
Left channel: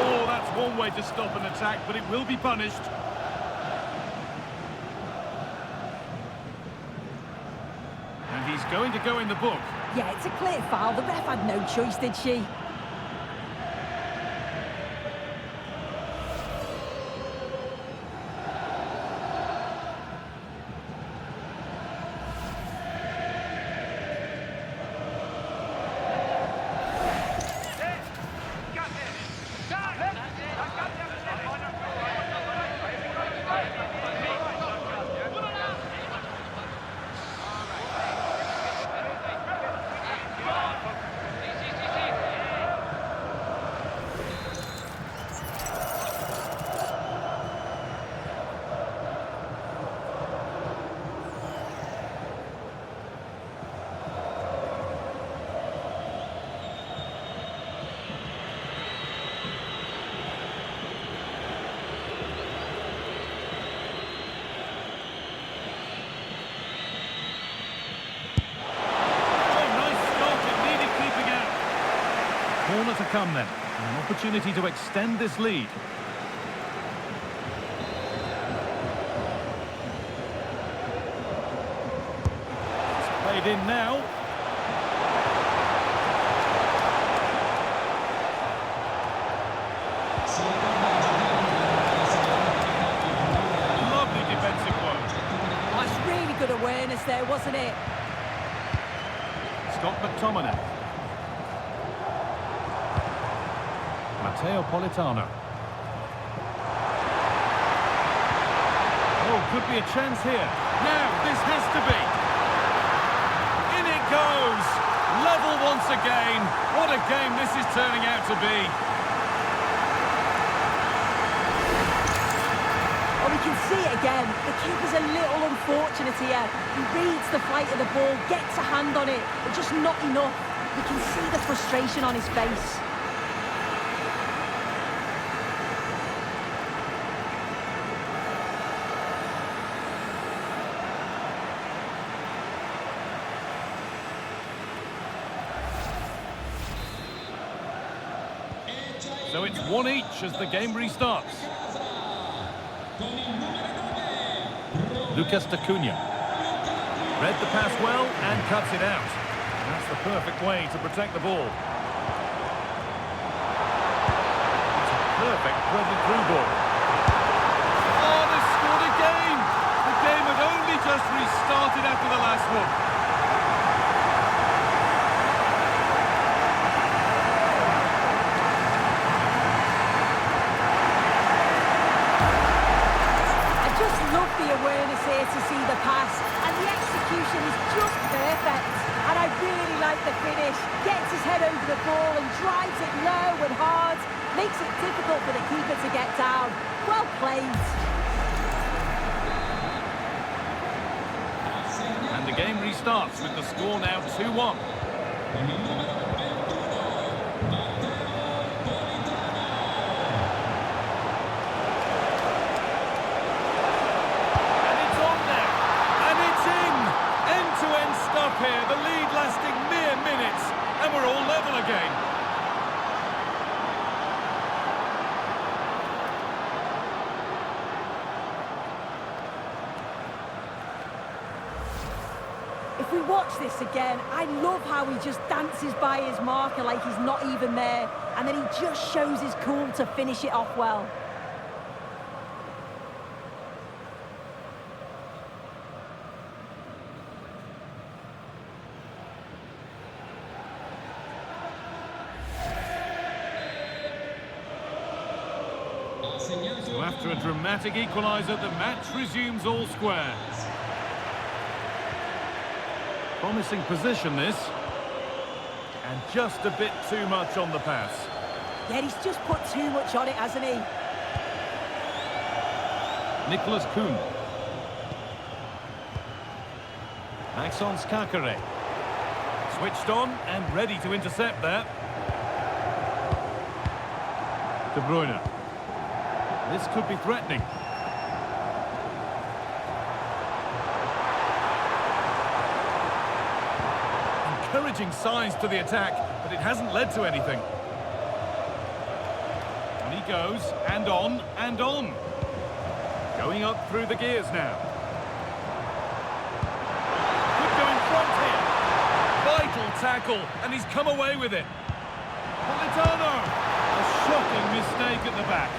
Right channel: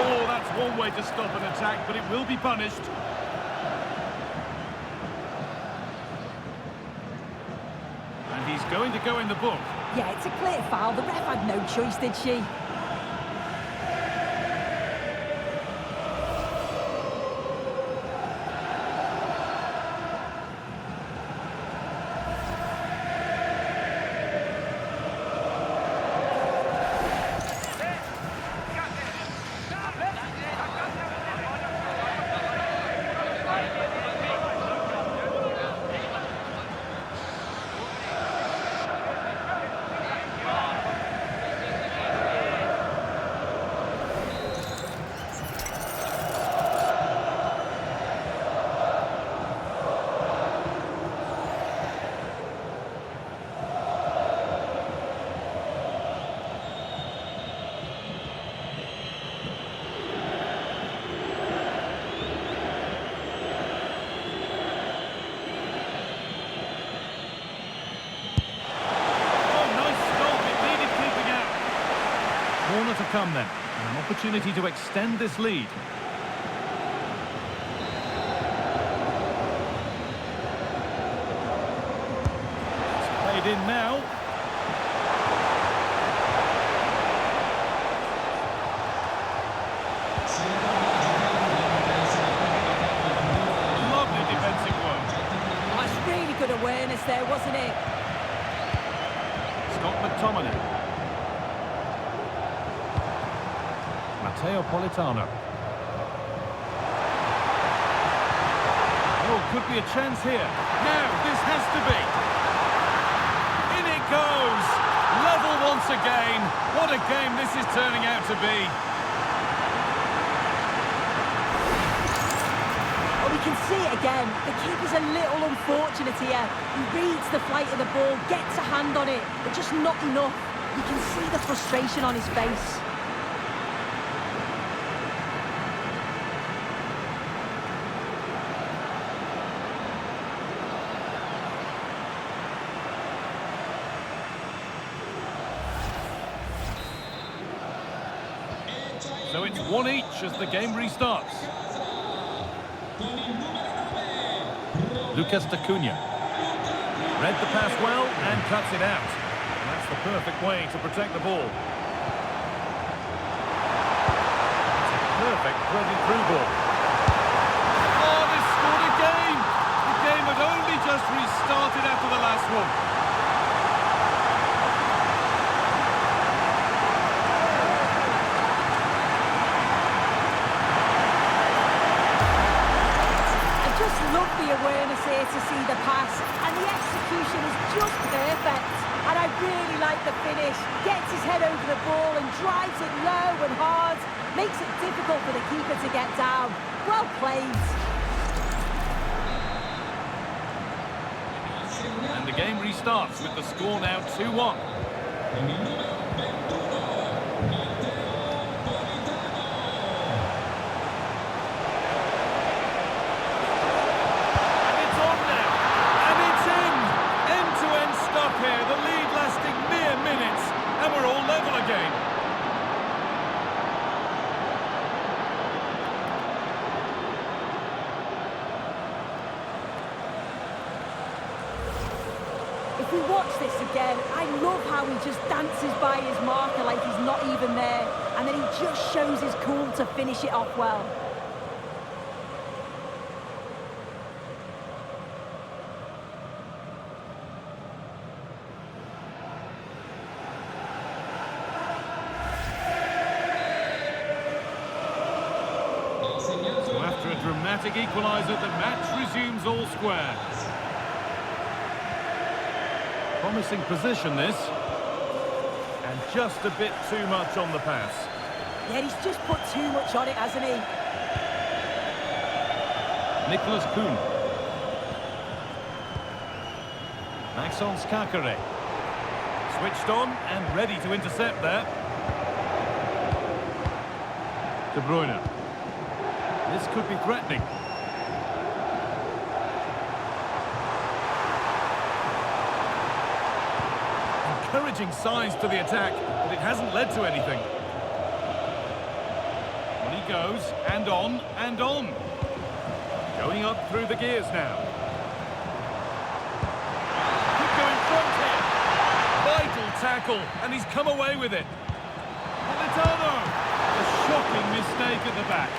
Oh, that's one way to stop an attack, but it will be punished. And he's going to go in the book. Yeah, it's a clear foul. The ref had no choice, did she? Corner to come then, and an opportunity to extend this lead. It's played in now. Lovely defensive work. That's really good awareness there, wasn't it? Scott McTominay. Matteo Politano. Oh, could be a chance here. Now, this has to be. In it goes. Level once again. What a game this is turning out to be. Well, we can see it again. The keeper's a little unfortunate here. He reads the flight of the ball, gets a hand on it, but just not enough. You can see the frustration on his face. So it's one each as the game restarts. Lucas Acuna. Read the pass well and cuts it out. And that's the perfect way to protect the ball. It's a perfect threaded through ball. Oh, they scored again! The game had only just restarted after the last one. Just love the awareness here to see the pass, and the execution is just perfect. And I really like the finish. Gets his head over the ball and drives it low and hard. Makes it difficult for the keeper to get down. Well played. And the game restarts with the score now 2-1. End-to-end stuff here, the lead lasting mere minutes, and we're all level again. If we watch this again, I love how he just dances by his marker like he's not even there, and then he just shows his cool to finish it off well. So after a dramatic equaliser, the match resumes all square. Promising position this. And just a bit too much on the pass. Yeah, he's just put too much on it, hasn't he? Nicholas Kuhn. Maxence Kakare. Switched on and ready to intercept there. De Bruyne. This could be threatening. Encouraging signs to the attack, but it hasn't led to anything. On he goes, and on, and on. Going up through the gears now. Could go in front here. Vital tackle, and he's come away with it. Politano! A shocking mistake at the back.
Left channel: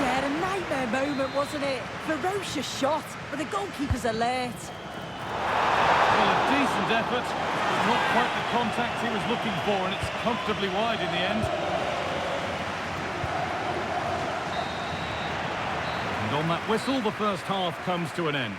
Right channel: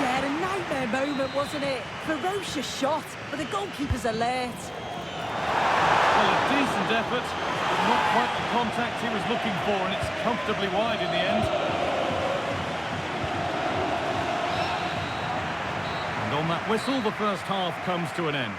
Yeah, a nightmare moment, wasn't it? Ferocious shot, but the goalkeeper's alert. Well, a decent effort, but not quite the contact he was looking for, and it's comfortably wide in the end. And on that whistle, the first half comes to an end.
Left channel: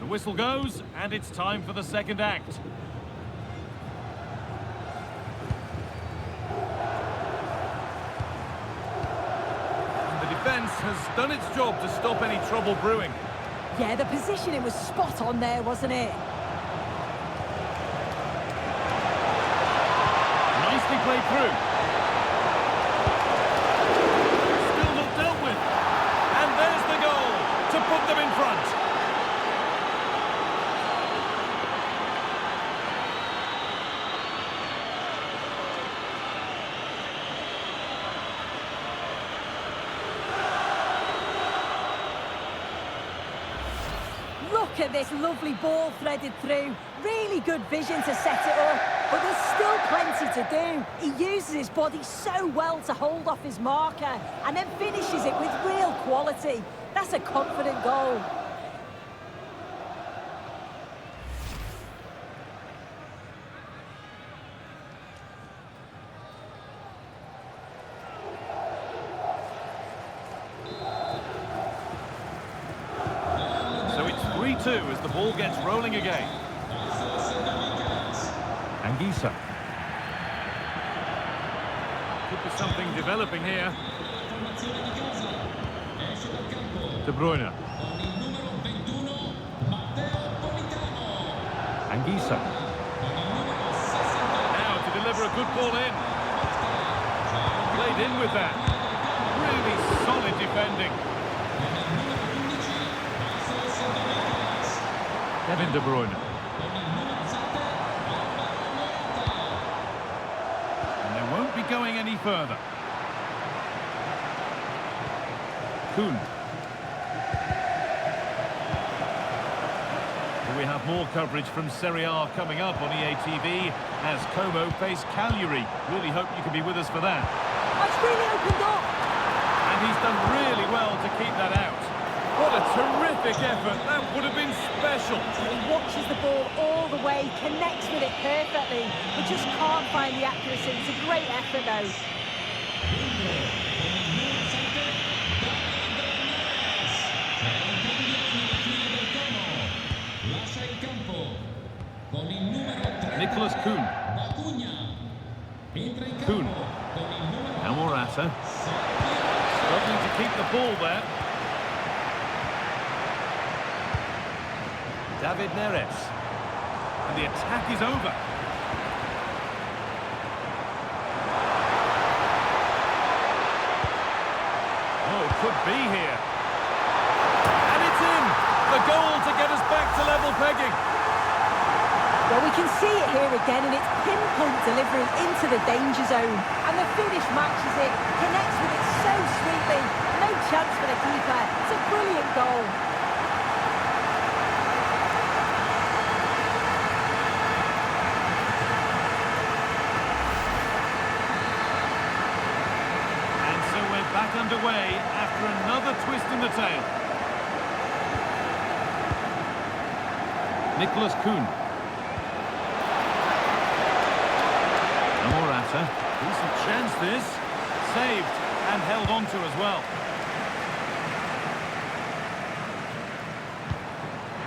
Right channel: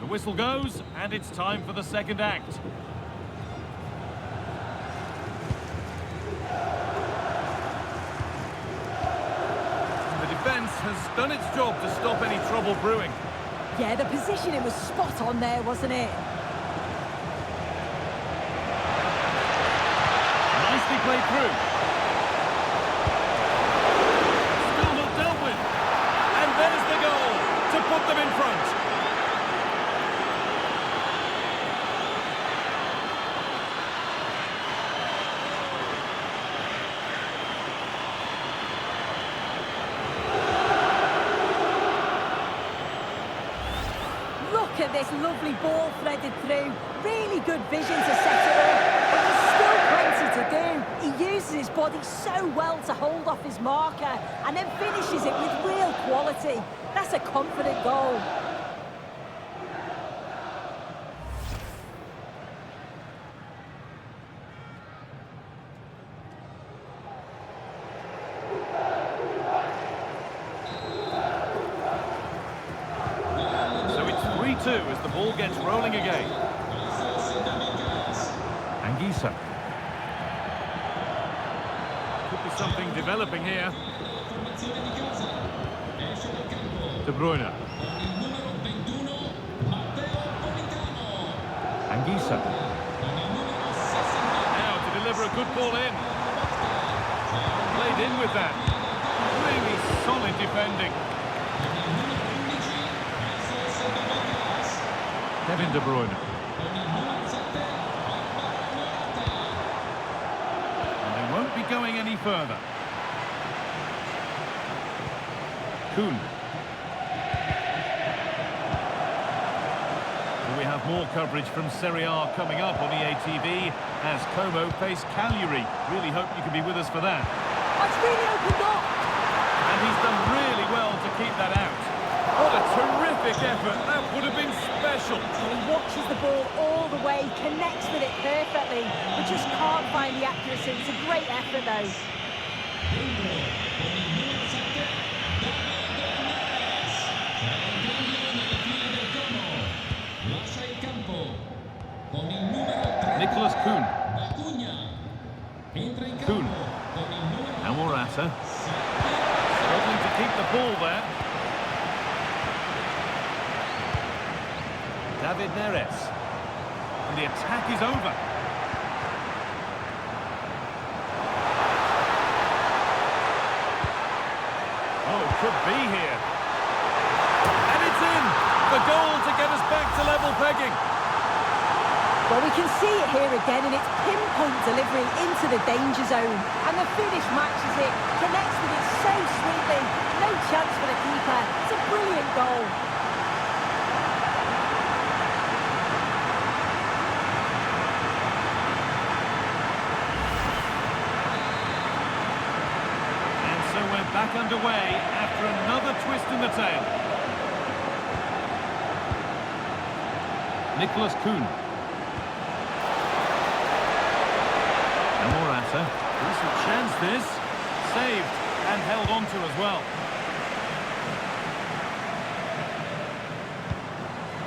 The whistle goes, and it's time for the second act. The defence has done its job to stop any trouble brewing. Yeah, the positioning was spot on there, wasn't it? Nicely played through. Still not dealt with. And there's the goal to put them in front. Look at this lovely ball threaded through. Really good vision to set it up, but there's still plenty to do. He uses his body so well to hold off his marker and then finishes it with real quality. That's a confident goal. So it's 3-2 as the ball gets rolling again. Anguissa. Could be something developing here. De Bruyne. Anguissa. Now to deliver a good ball in. Played in with that. Really solid defending. Kevin De Bruyne. And they won't be going any further. Kuhn. We have more coverage from Serie A coming up on EA TV as Como face Cagliari. Really hope you can be with us for that. It's really opened up. And he's done really well to keep that out. What a terrific effort. That would have been special. And he watches the ball all the way, connects with it perfectly, but just can't find the accuracy. It's a great effort, though. Nicholas Kuhn. Kuhn. Now Morata. Struggling to keep the ball there. David Neres. And the attack is over. Oh, it could be here. And it's in! The goal to get us back to level pegging. Well, we can see it here again, and it's pinpoint delivery into the danger zone. And the finish matches it, connects with it so sweetly. No chance for the keeper. It's a brilliant goal. And so we're back underway after another twist in the tail. Nicholas Kuhn. Morata, decent chance this, saved and held on to as well.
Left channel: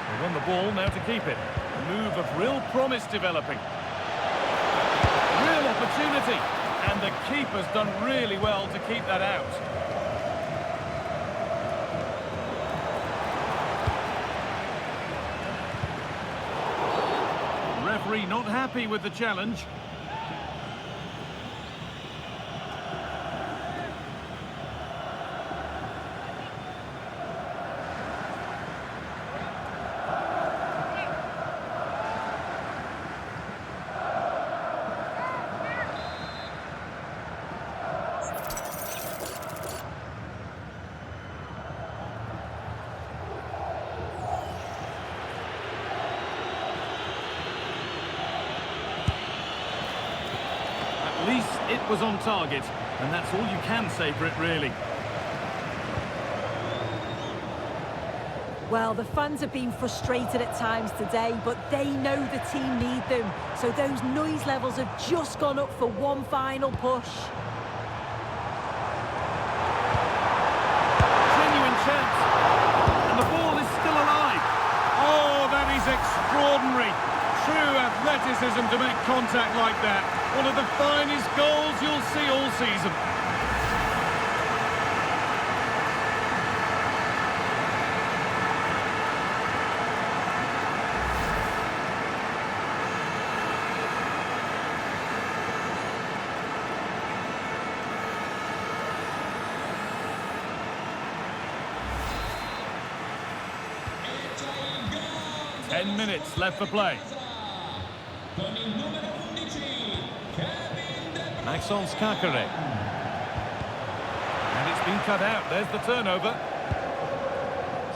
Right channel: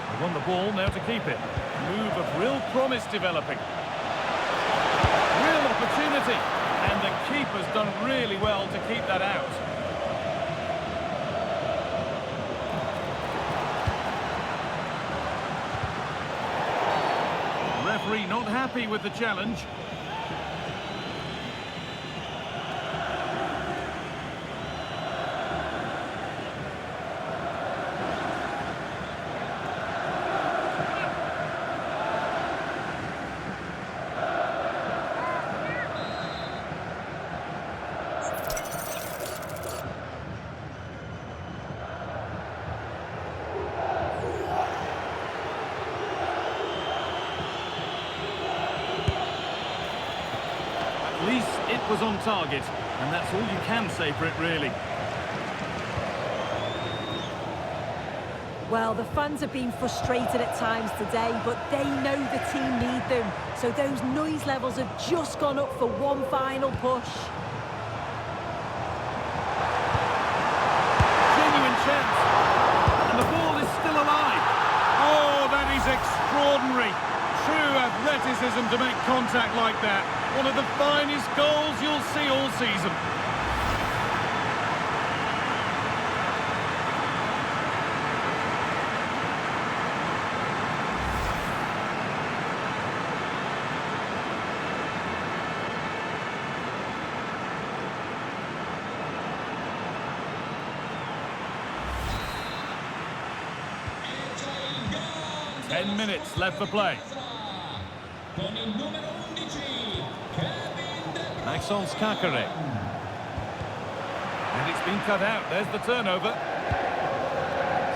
They won the ball, now to keep it. A move of real promise developing. Real opportunity, and the keeper's done really well to keep that out. The referee not happy with the challenge. At least it was on target, and that's all you can say for it, really. Well, the fans have been frustrated at times today, but they know the team need them. So those noise levels have just gone up for one final push. Genuine chance. And the ball is still alive. Oh, that is extraordinary. True athleticism to make contact like that. One of the finest goals you'll see all season. E c'è il gol 10 minutes left for play. con il numero 11 Kevin De Bruyne. Maxence Carré. And it's been cut out. There's the turnover.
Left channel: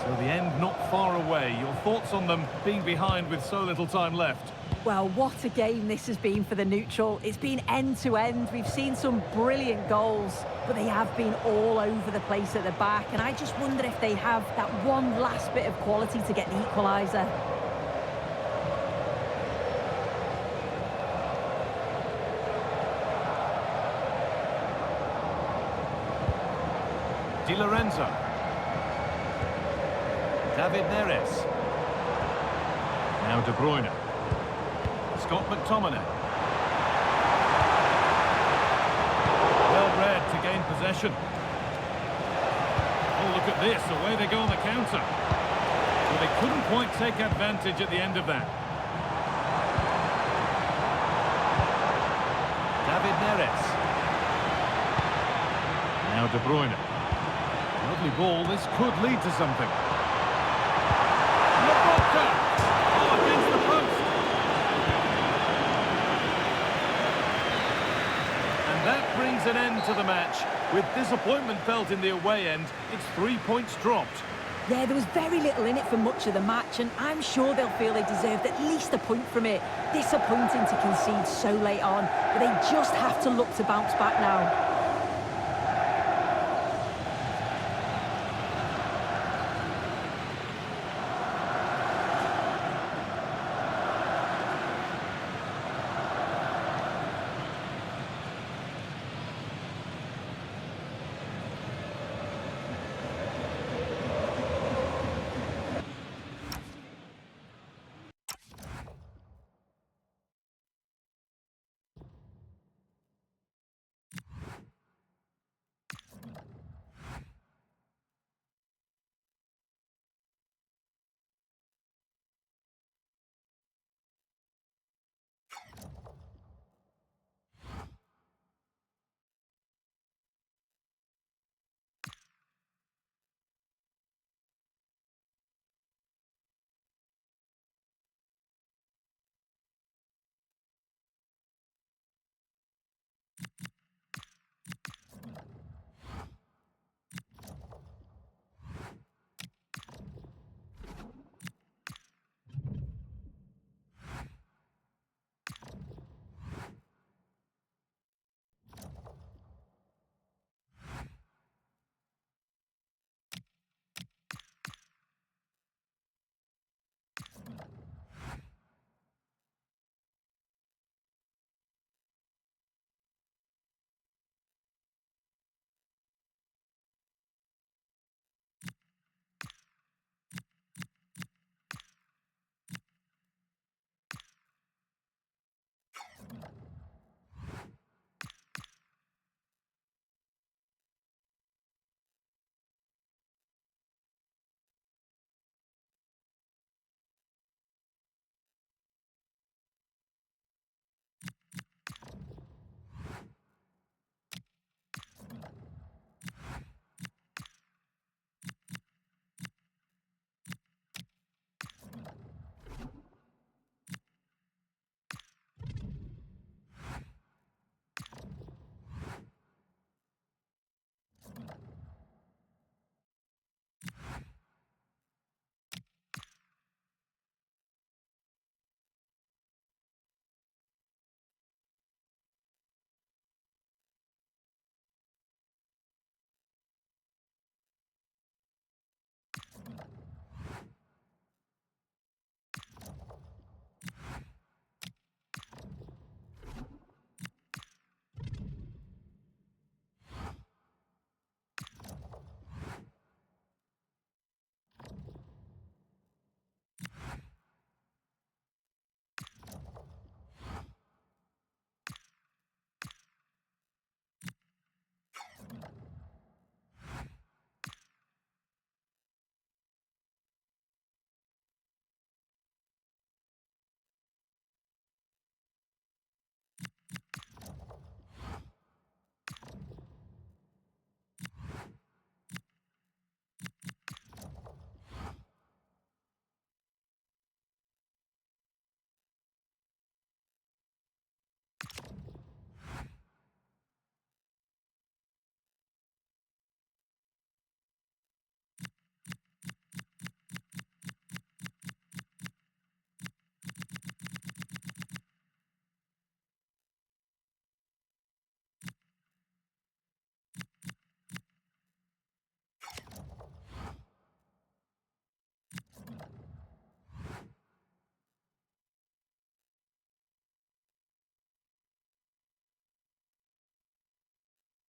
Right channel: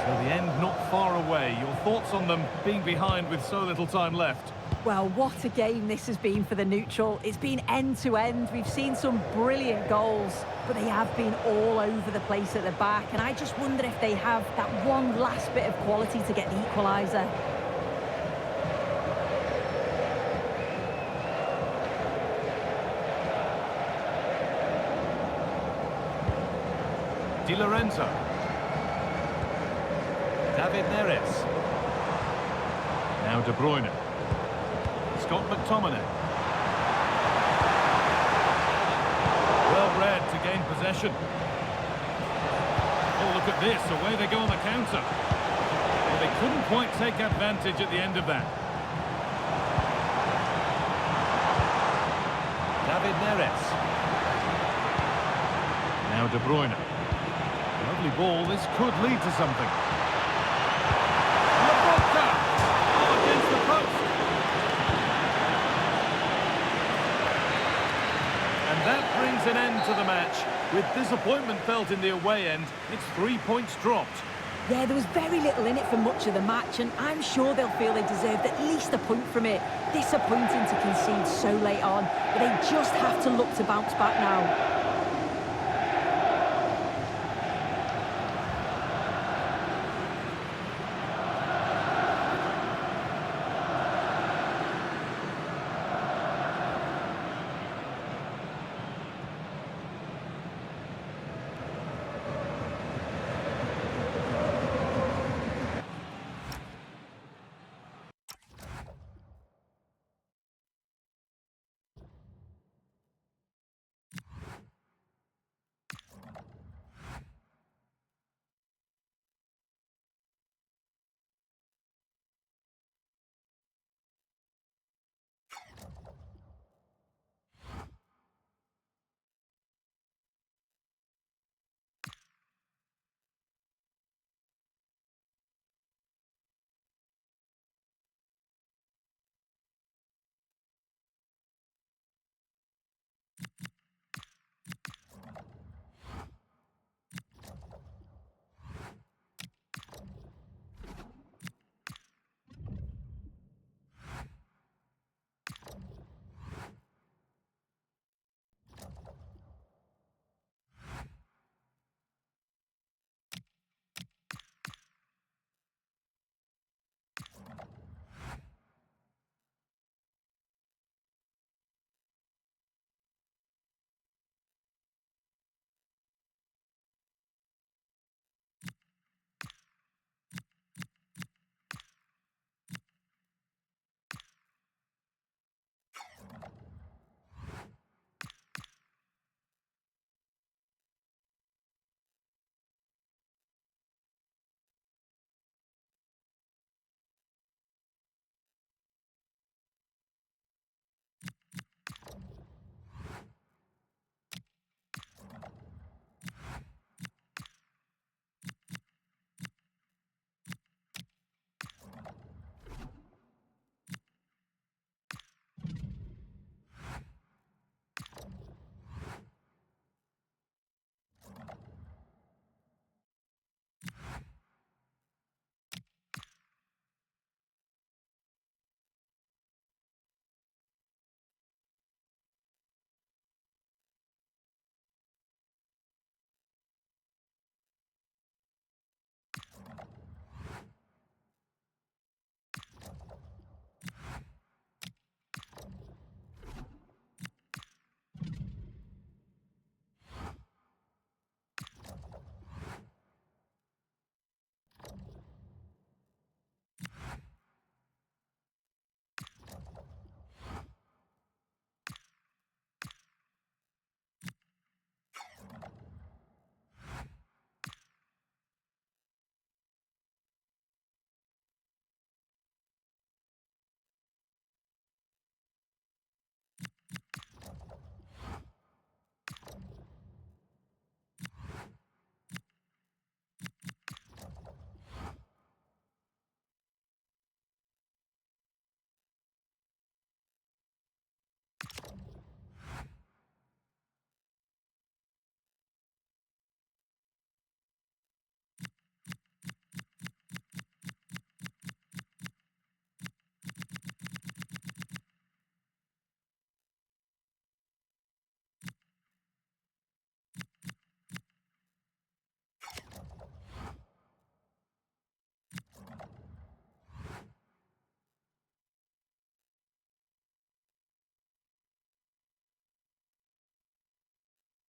So the end not far away. Your thoughts on them being behind with so little time left? Well, what a game this has been for the neutral. It's been end-to-end. We've seen some brilliant goals, but they have been all over the place at the back. And I just wonder if they have that one last bit of quality to get the equaliser. Di Lorenzo. David Neres. Now De Bruyne. Scott McTominay. Well read to gain possession. Oh, look at this. Away they go on the counter. Well, they couldn't quite take advantage at the end of that. David Neres. Now De Bruyne. Lovely ball. This could lead to something. Oh, against the post. And that brings an end to the match. With disappointment felt in the away end, it's 3 points dropped. Yeah, there was very little in it for much of the match, and I'm sure they'll feel they deserved at least a point from it. Disappointing to concede so late on, but they just have to look to bounce back now.